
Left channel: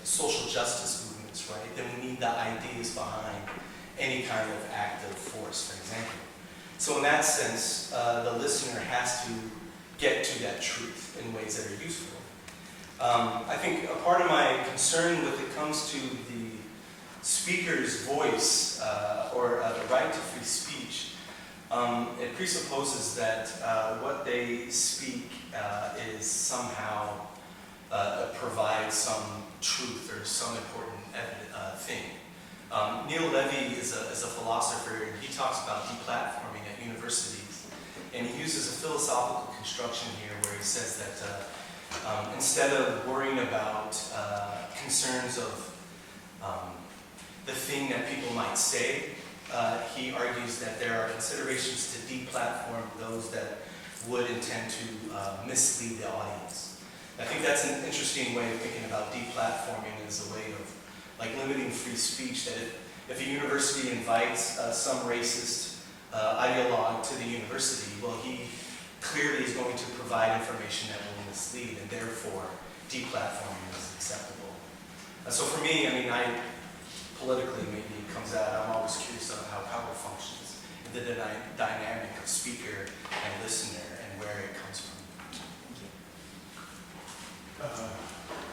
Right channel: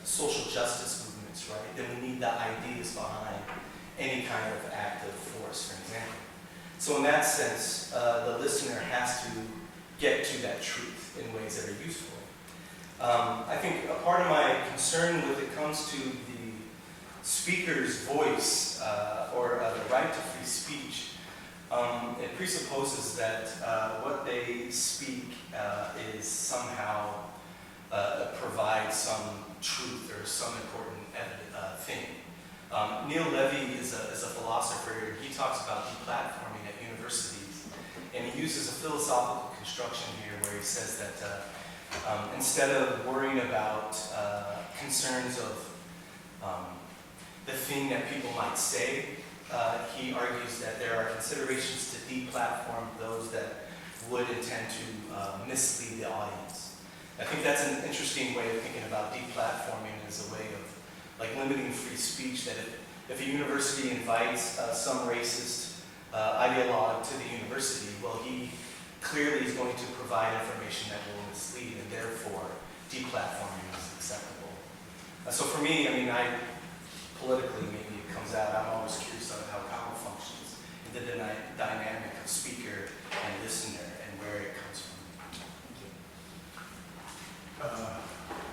social justice movements, right, then we need the ideas behind any kind of act of force, for example. So in that sense, the listener has to get to that truth in ways that are useful. I think a part of my concern when it comes to the speaker's voice or the right to free speech, it presupposes that what they speak is somehow provides some truth or some important thing. Neil Levy is a philosopher, and he talks about deplatforming at universities, and he uses a philosophical construction here where he says that instead of worrying about concerns of the thing that people might say, he argues that there are considerations to deplatform those that would intend to mislead the audience. I think that's an interesting way of thinking about deplatforming as a way of like limiting free speech, that if a university invites some racist ideologue to the university, well, he clearly is going to provide information that will mislead, and therefore deplatforming is acceptable. So for me, I mean, politically, maybe it comes out, I'm always curious about how power functions and the dynamic of speaker and listener and where it comes from. Thank you.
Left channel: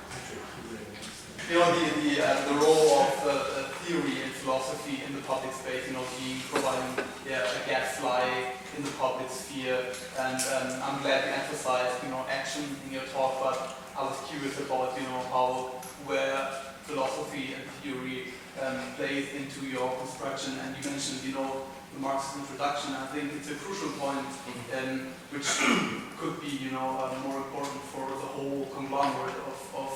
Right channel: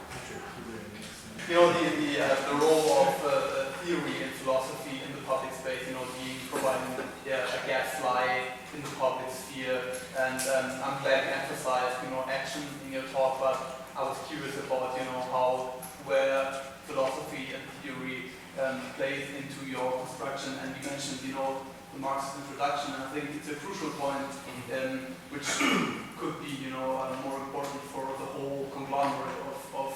Patrick, you were next. You know, the role of theory and philosophy in the public space, you know, being providing a gadfly in the public sphere, and I'm glad you emphasized, you know, action in your talk, but I was curious about, you know, where philosophy and theory plays into your construction, and you mentioned, you know, the Marxist introduction. I think it's a crucial point, which could be, you know, more important for the whole conglomerate of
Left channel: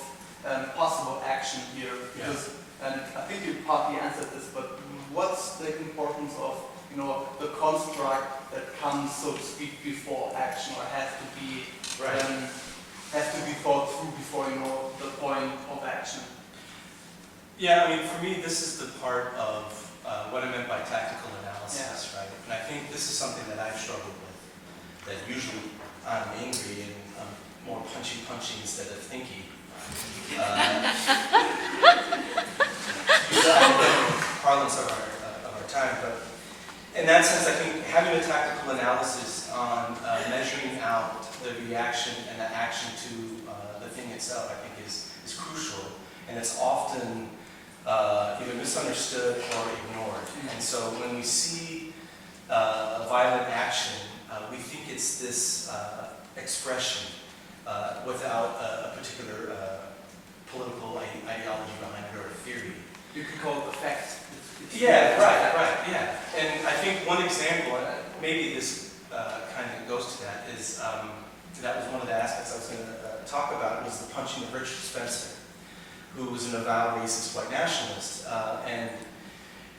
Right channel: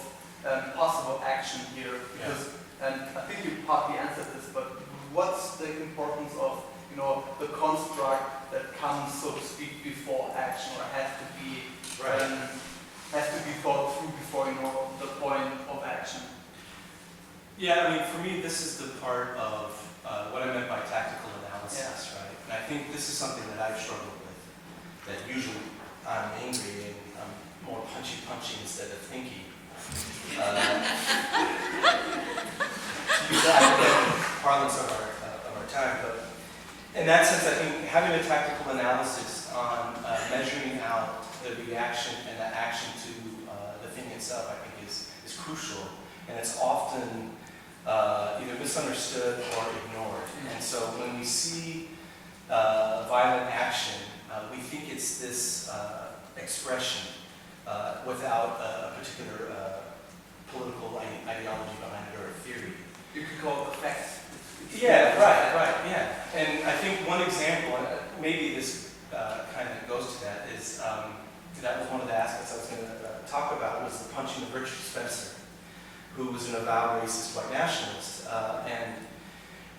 possible action here, because And I think you partly answered this, but what's the importance of, you know, the construct that comes, so to speak, before action, or has to be thought through before, you know, the point of action? Yeah, I mean, for me, this is the part of what I meant by tactical analysis, right? And I think this is something that I've struggled with, that usually I'm angry and I'm more punchy instead of thinky. To use the academic parlance of our time, but in that sense, I think having a tactical analysis on measuring out the reaction and the action to the thing itself, I think is crucial, and it's often either misunderstood or ignored. And so when we see violent action, we think it's this expression without a particular political ideology behind it or a theory. You could call it effect. Yeah, right, yeah. And I think one example, and maybe this kind of goes to that, is that was one of the aspects I was going to talk about, was the punching of Richard Spencer, who was an avowed racist white nationalist. And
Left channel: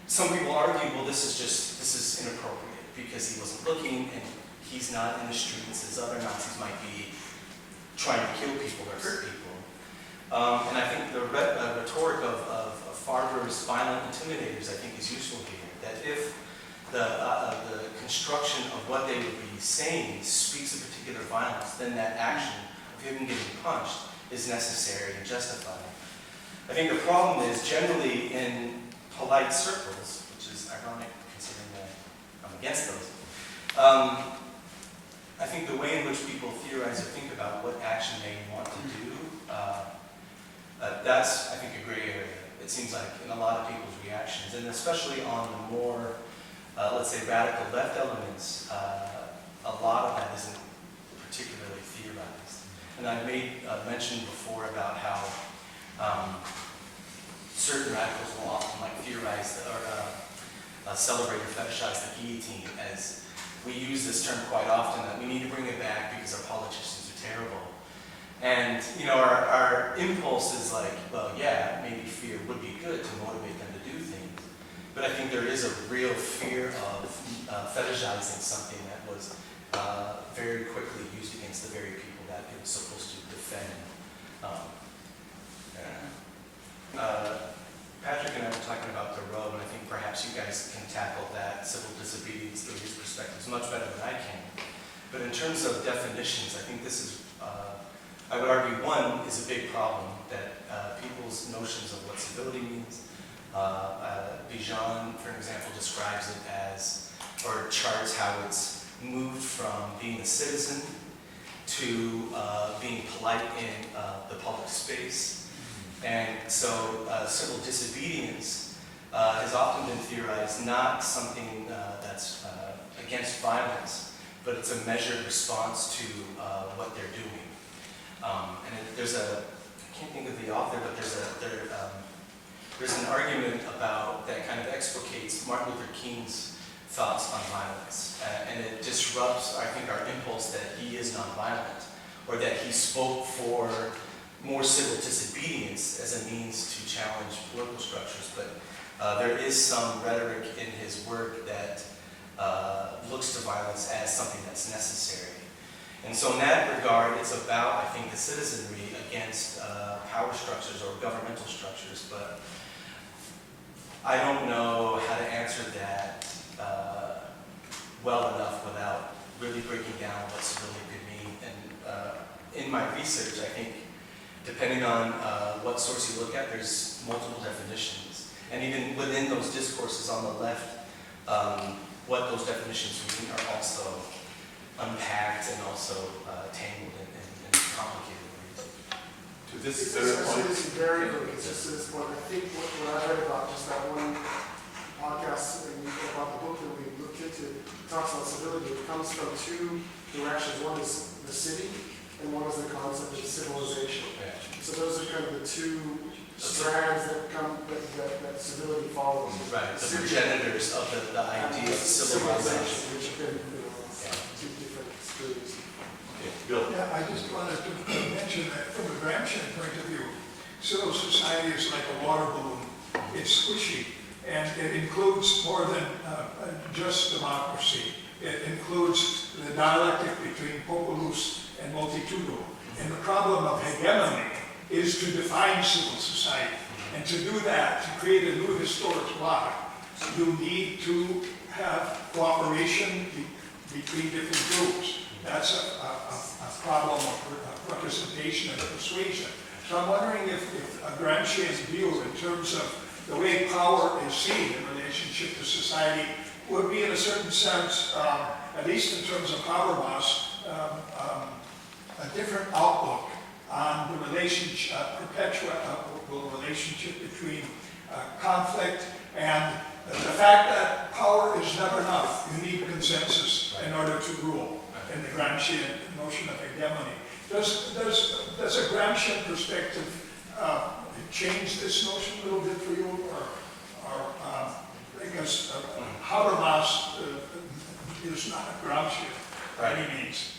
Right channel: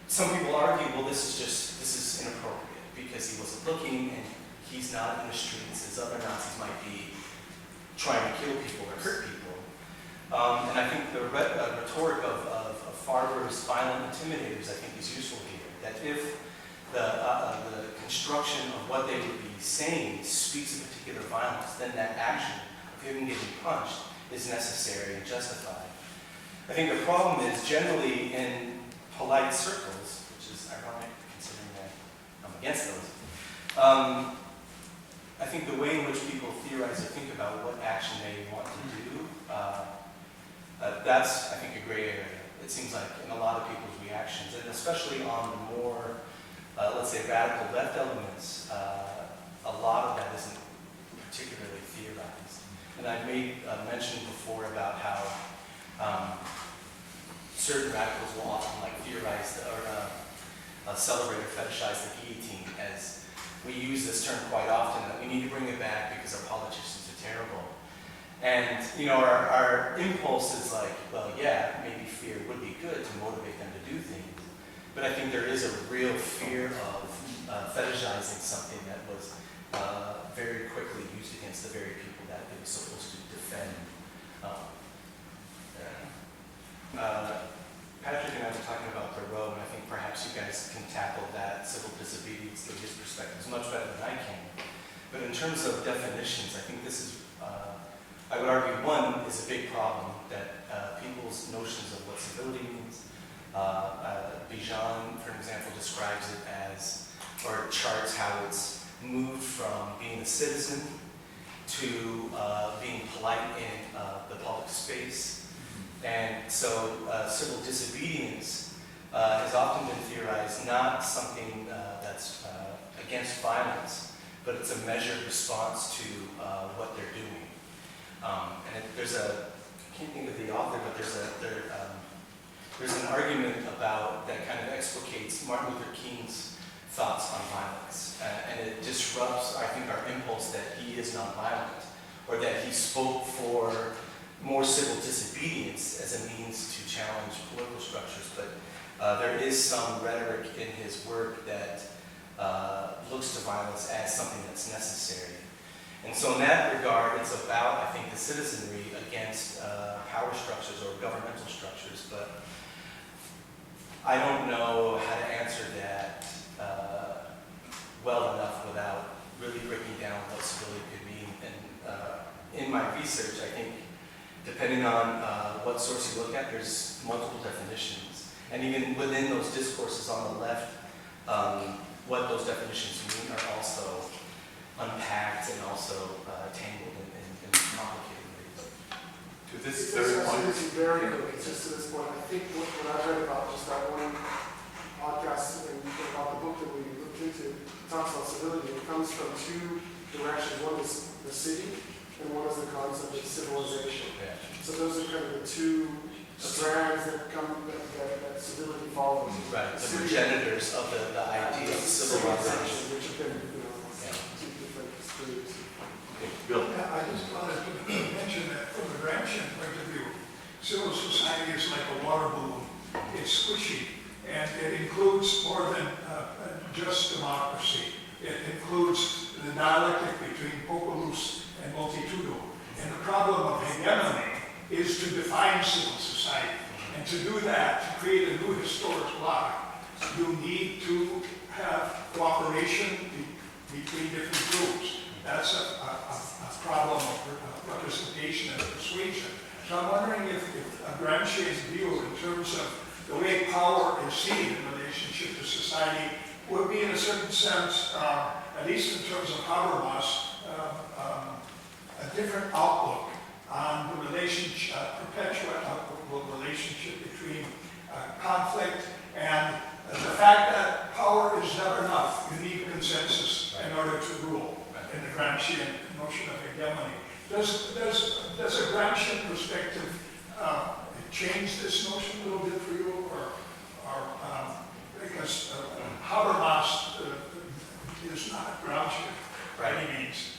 some people argue, well, this is inappropriate because he wasn't looking and he's not in the streets as other Nazis might be trying to kill people or hurt people. And I think the rhetoric of Farber's violent intimidators, I think, is useful here. That if the construction of what they would be saying speaks of particular violence, then that action of him getting punched is necessary and justified. I think the problem is generally in polite circles, which is ironic considering that I'm against those. I think the way in which people theorize or think about what action they want to do, that's, I think, a gray area. It seems like in a lot of people's reactions, and especially on the more, let's say, radical left elements, a lot of that isn't particularly theorized. And I've made mention before about how certain radicals will often theorize or celebrate or fetishize the guillotine, as we use this term quite often, that we need to bring it back because our politicians are terrible. And, you know, our impulse is like, well, yeah, maybe fear would be good to motivate them to do things. But I think there is a real fear of fetishizing something that was very quickly used against the very people that it was supposed to defend. Patrick and I were talking about Thoreau, and I think perhaps you guys can tackle that civil disobedience through his perspectives much better than I can. But in terms of definitions, I think this is, I would argue, one is a big problem, that people's notions of what civility means. Bijan, for example, describes it as, or charts how it's moved from being a citizen to being polite in the public space. And so civil disobedience has often been theorized not something that's against violence, but it's a measured response to what they're doing. There's I can't think of the author, but there's an argument about that kind of explicates Martin Luther King's thoughts on violence. And it disrupts, I think, our impulse that he is nonviolent, or that he spoke for more civil disobedience as a means to challenge political structures. But there is some rhetoric in his work that looks to violence as something that's necessary. And so in that regard, it's about, I think, the citizenry against power structures or governmental structures. But I don't know how to answer that well enough without really breaking down what civility could mean. And in my research, I think, depending on what source you look at, there's multiple definitions. And even within those discourses on the left, what those definitions mean are also unpacked and also tangled in complicated ways. To this Very third point, very quick, it's just to this point. I think what I read about just that one podcast and about the book that we looked into, it talks about civility. It comes from two directions. One is the city, and one is the concept of civilization. Yeah. So those are kind of the two strands that come that civility follows. Right, the progenitors of the idea of civilization. Which have been, two different streams. okay, Bill. Yeah, I just wanted to mention that from a Gramscian point of view, civil society is like a water balloon. It's squishy, and it includes more than just democracy. It includes the dialectic between populus and multitudinum. And the problem of hegemony is to define civil society. And to do that, to create a new historic bloc, you need to have cooperation between different groups. That's a problem of representation and persuasion. So I'm wondering if a Gramscian view in terms of the way power is seen in relationship to society would be in a certain sense, at least in terms of power loss, a different outlook on the relationship, perpetual relationship between conflict and the fact that power is never enough. You need consensus in order to rule in the Gramscian notion of hegemony. Does a Gramscian perspective change this notion a little bit for you, or because Habermas is not a Gramscian by any means.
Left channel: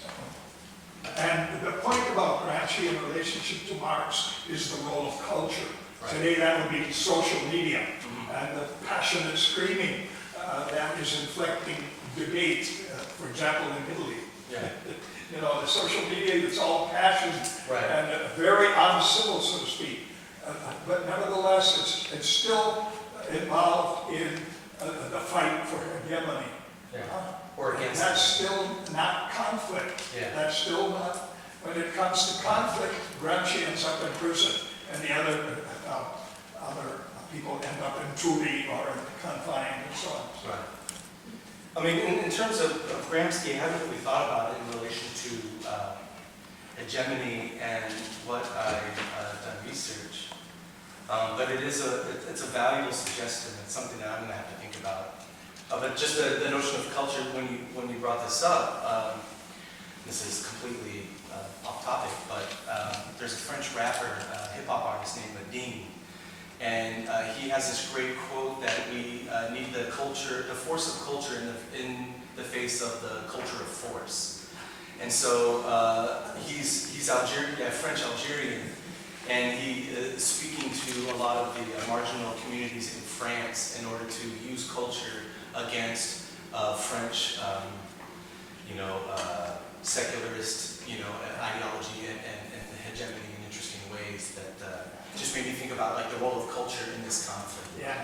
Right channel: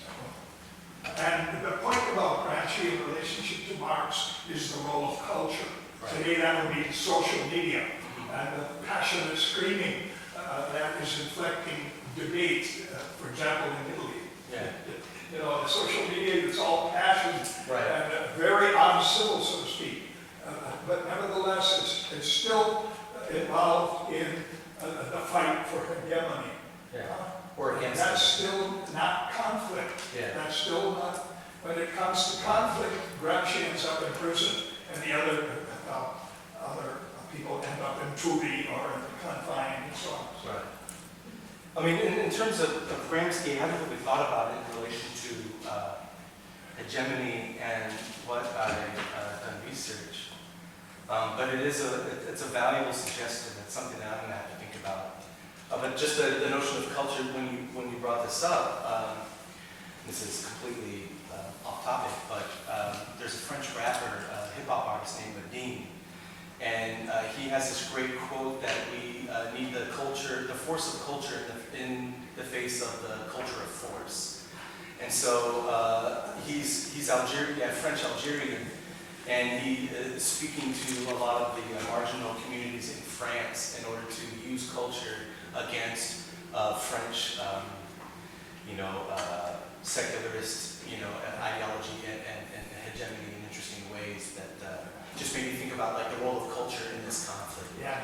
And the point about Gramscian relationship to Marx is the role of culture. Right. Today that would be social media and the passionate screaming that is inflecting debate, for example, in Italy. Yeah. You know, the social media, it's all passion and very uncivil, so to speak. But nevertheless, it's still involved in the fight for hegemony. Yeah. Or against that's still not conflict. Yeah. That's still not, when it comes to conflict, Gramsci ends up in prison, and the other people end up in Turi or confined and so on. Right. I mean, in terms of Gramsci, I haven't really thought about it in relation to hegemony and what I've done research. But it's a valuable suggestion. It's something that I'm going to have to think about. But just the notion of culture, when you brought this up, this is completely off topic, but there's a French rapper, hip-hop artist named Dean, and he has this great quote that we need the force of culture in the face of the culture of force. And so he's Algerian, French Algerian, and he is speaking to a lot of the marginal communities in France in order to use culture against French, secularist, ideology and hegemony in interesting ways that just made me think about like the role of culture in this conflict. Yeah.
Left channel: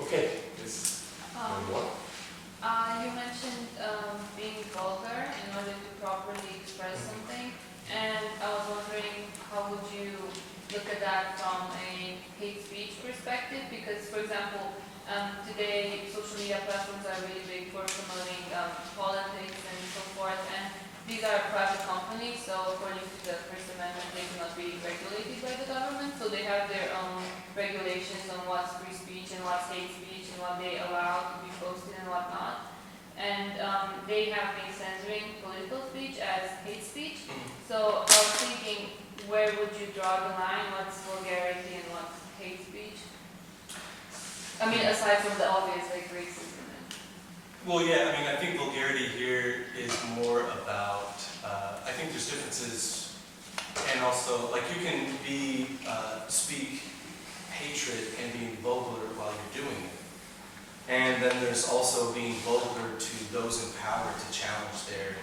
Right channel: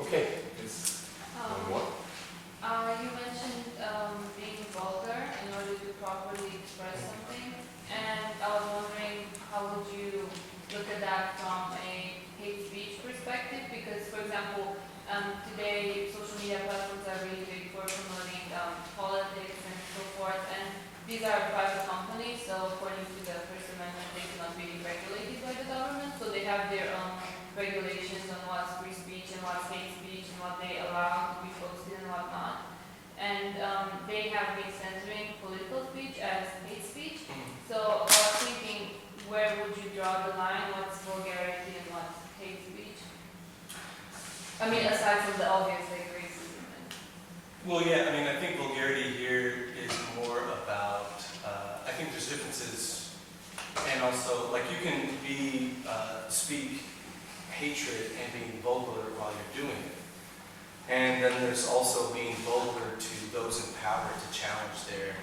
Okay. Yes. What? You mentioned being vulgar in order to properly express something, and I was wondering how would you look at that from a hate speech perspective? Because, for example, today social media platforms are really big for promoting politics and so forth, and these are private companies, so according to the First Amendment, they cannot be regulated by the government, so they have their own regulations on what's free speech and what's hate speech and what they allow to be posted and what not. And they have been censoring political speech as hate speech. So I was thinking, where would you draw the line? What's vulgarity and what's hate speech? I mean, aside from the obvious, like racism. Well, yeah, I mean, I think vulgarity here is more about, I think there's differences, and also, like, you can speak hatred and being vulgar while you're doing it. And then there's also being vulgar to those in power to challenge their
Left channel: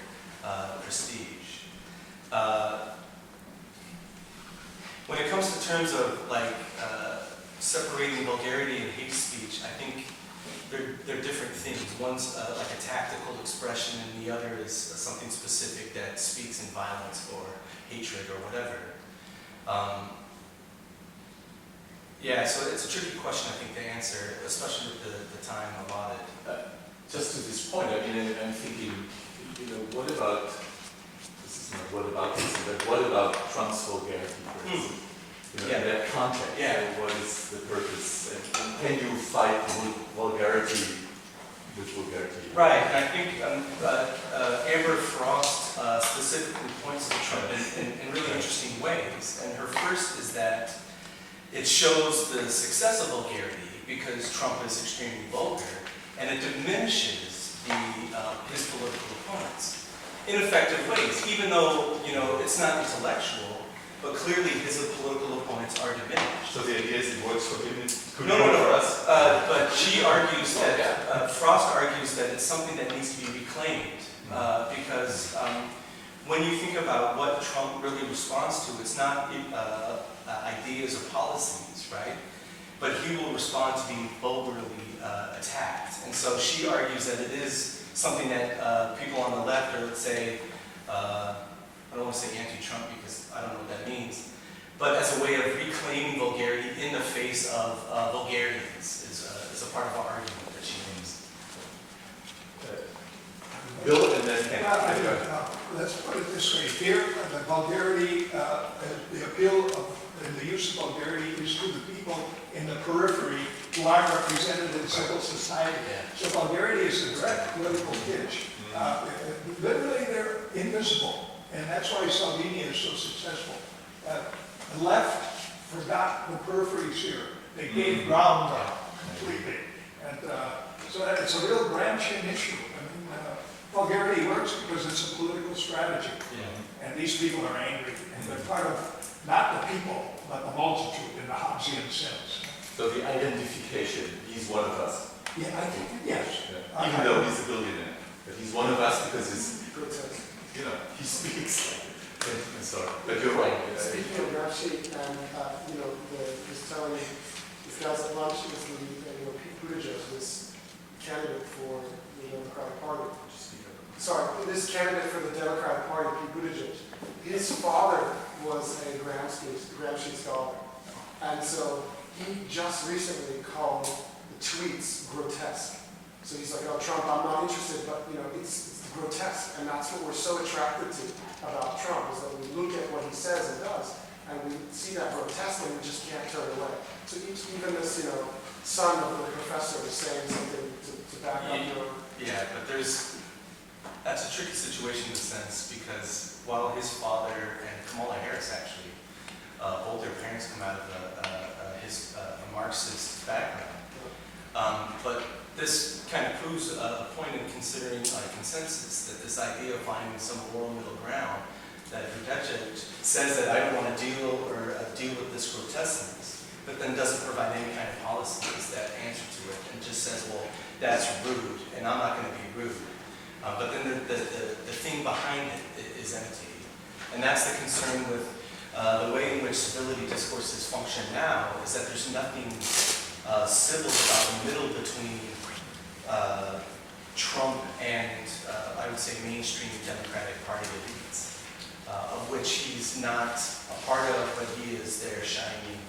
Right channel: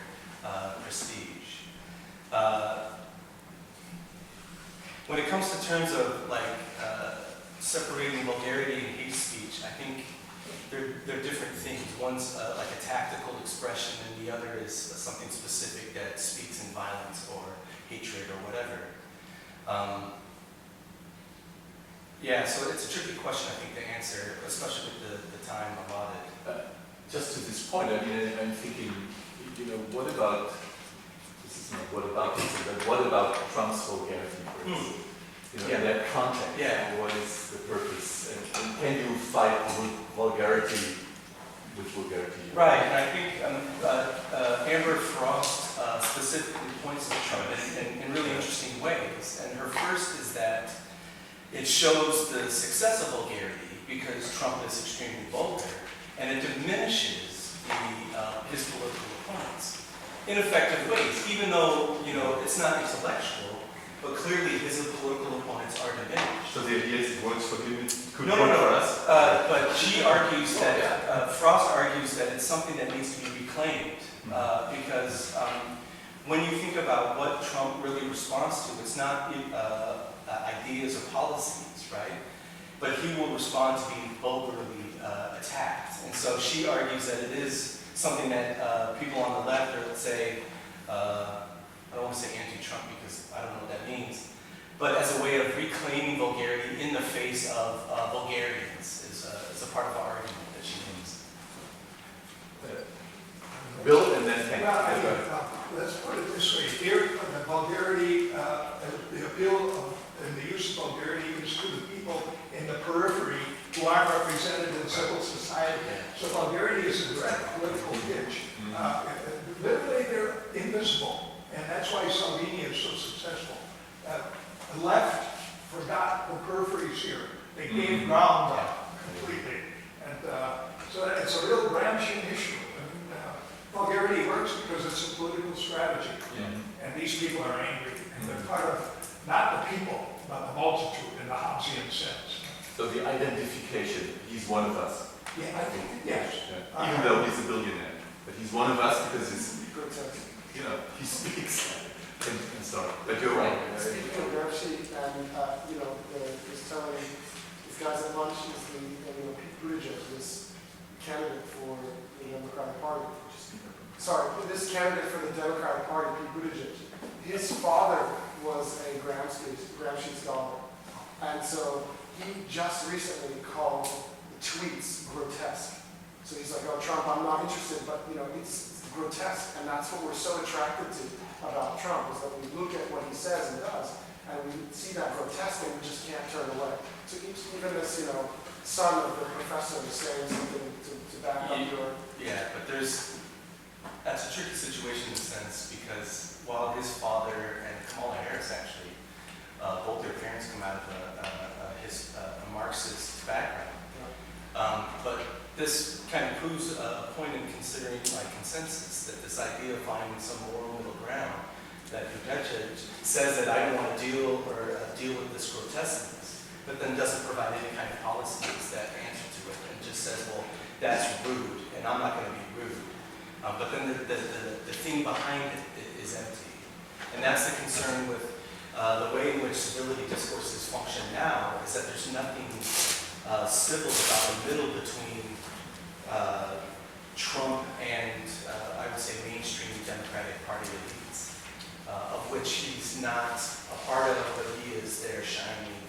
prestige. When it comes to terms of, like, separating vulgarity and hate speech, I think they're different things. One's like a tactical expression, and the other is something specific that speaks in violence or hatred or whatever. Yeah, so it's a tricky question, I think, to answer, especially with the time allotted. Just to this point, I mean, I'm thinking, what about, this is not what about this, but what about Trump's vulgarity, for instance? In that context, what is the purpose? And can you fight vulgarity with vulgarity? Right, and I think Amber Frost specifically points to Trump in really interesting ways. And her first is that it shows the success of vulgarity because Trump is extremely vulgar, and it diminishes his political opponents in effective ways. Even though it's not intellectual, but clearly his political opponents are diminished. So the idea is it works for him, it could No, work no, no. for us? But she argues that, Frost argues that it's something that needs to be reclaimed, because when you think about what Trump really responds to, it's not ideas or policies, right? But he will respond to being vulgarly attacked. And so she argues that it is something that people on the left are, let's say, I don't want to say anti-Trump because I don't know what that means, but as a way of reclaiming vulgarity in the face of vulgarity is a part of our argument that she makes. Bill, and then Hank. Well, I mean, let's put it this way. Here, the vulgarity, the appeal of and the use of vulgarity is to the people in the periphery who aren't represented in civil society. So vulgarity is a direct political pitch. Literally, they're invisible, and that's why Salvini is so successful. The left forgot the peripheries here. They gave ground up completely. And so that it's a real Gramscian issue. I mean, vulgarity works because it's a political strategy. And these people are angry, and they're part of not the people, but the multitude in the Hobbesian sense. So the identification, he's one of us. Yeah, I think, yes. Yeah. Even though he's a billionaire. But he's one of us because he's, Grotesque. you know, he speaks. And so, but you're right. Speaking of Gramsci, and you know, was telling these guys at lunch is Pete Buttigieg, this candidate for the Democratic Party. Sorry, this candidate for the Democratic Party, Pete Buttigieg. His father was a Gramsci scholar, and so he just recently called the tweets grotesque. So he's like, "Oh, Trump, I'm not interested, but you know, it's grotesque," and that's what we're so attracted to about Trump is that we look at what he says and does, and we see that grotesque, and we just can't turn away. So even this, son of the professor is saying something to back up your. Yeah, but that's a tricky situation in a sense because while his father and Kamala Harris actually, both their parents come out of a Marxist background. But this kind of proves a point in considering consensus, that this idea of finding some moral middle ground, that Buttigieg says that I don't want to deal with this grotesqueness, but then doesn't provide any kind of policies that answer to it, and just says, well, that's rude, and I'm not going to be rude. But then the thing behind it is empty. And that's the concern with the way in which civility discourses function now, is that there's nothing civil about the middle between Trump and, I would say, mainstream Democratic Party elites, of which he's not a part of, but he is their shining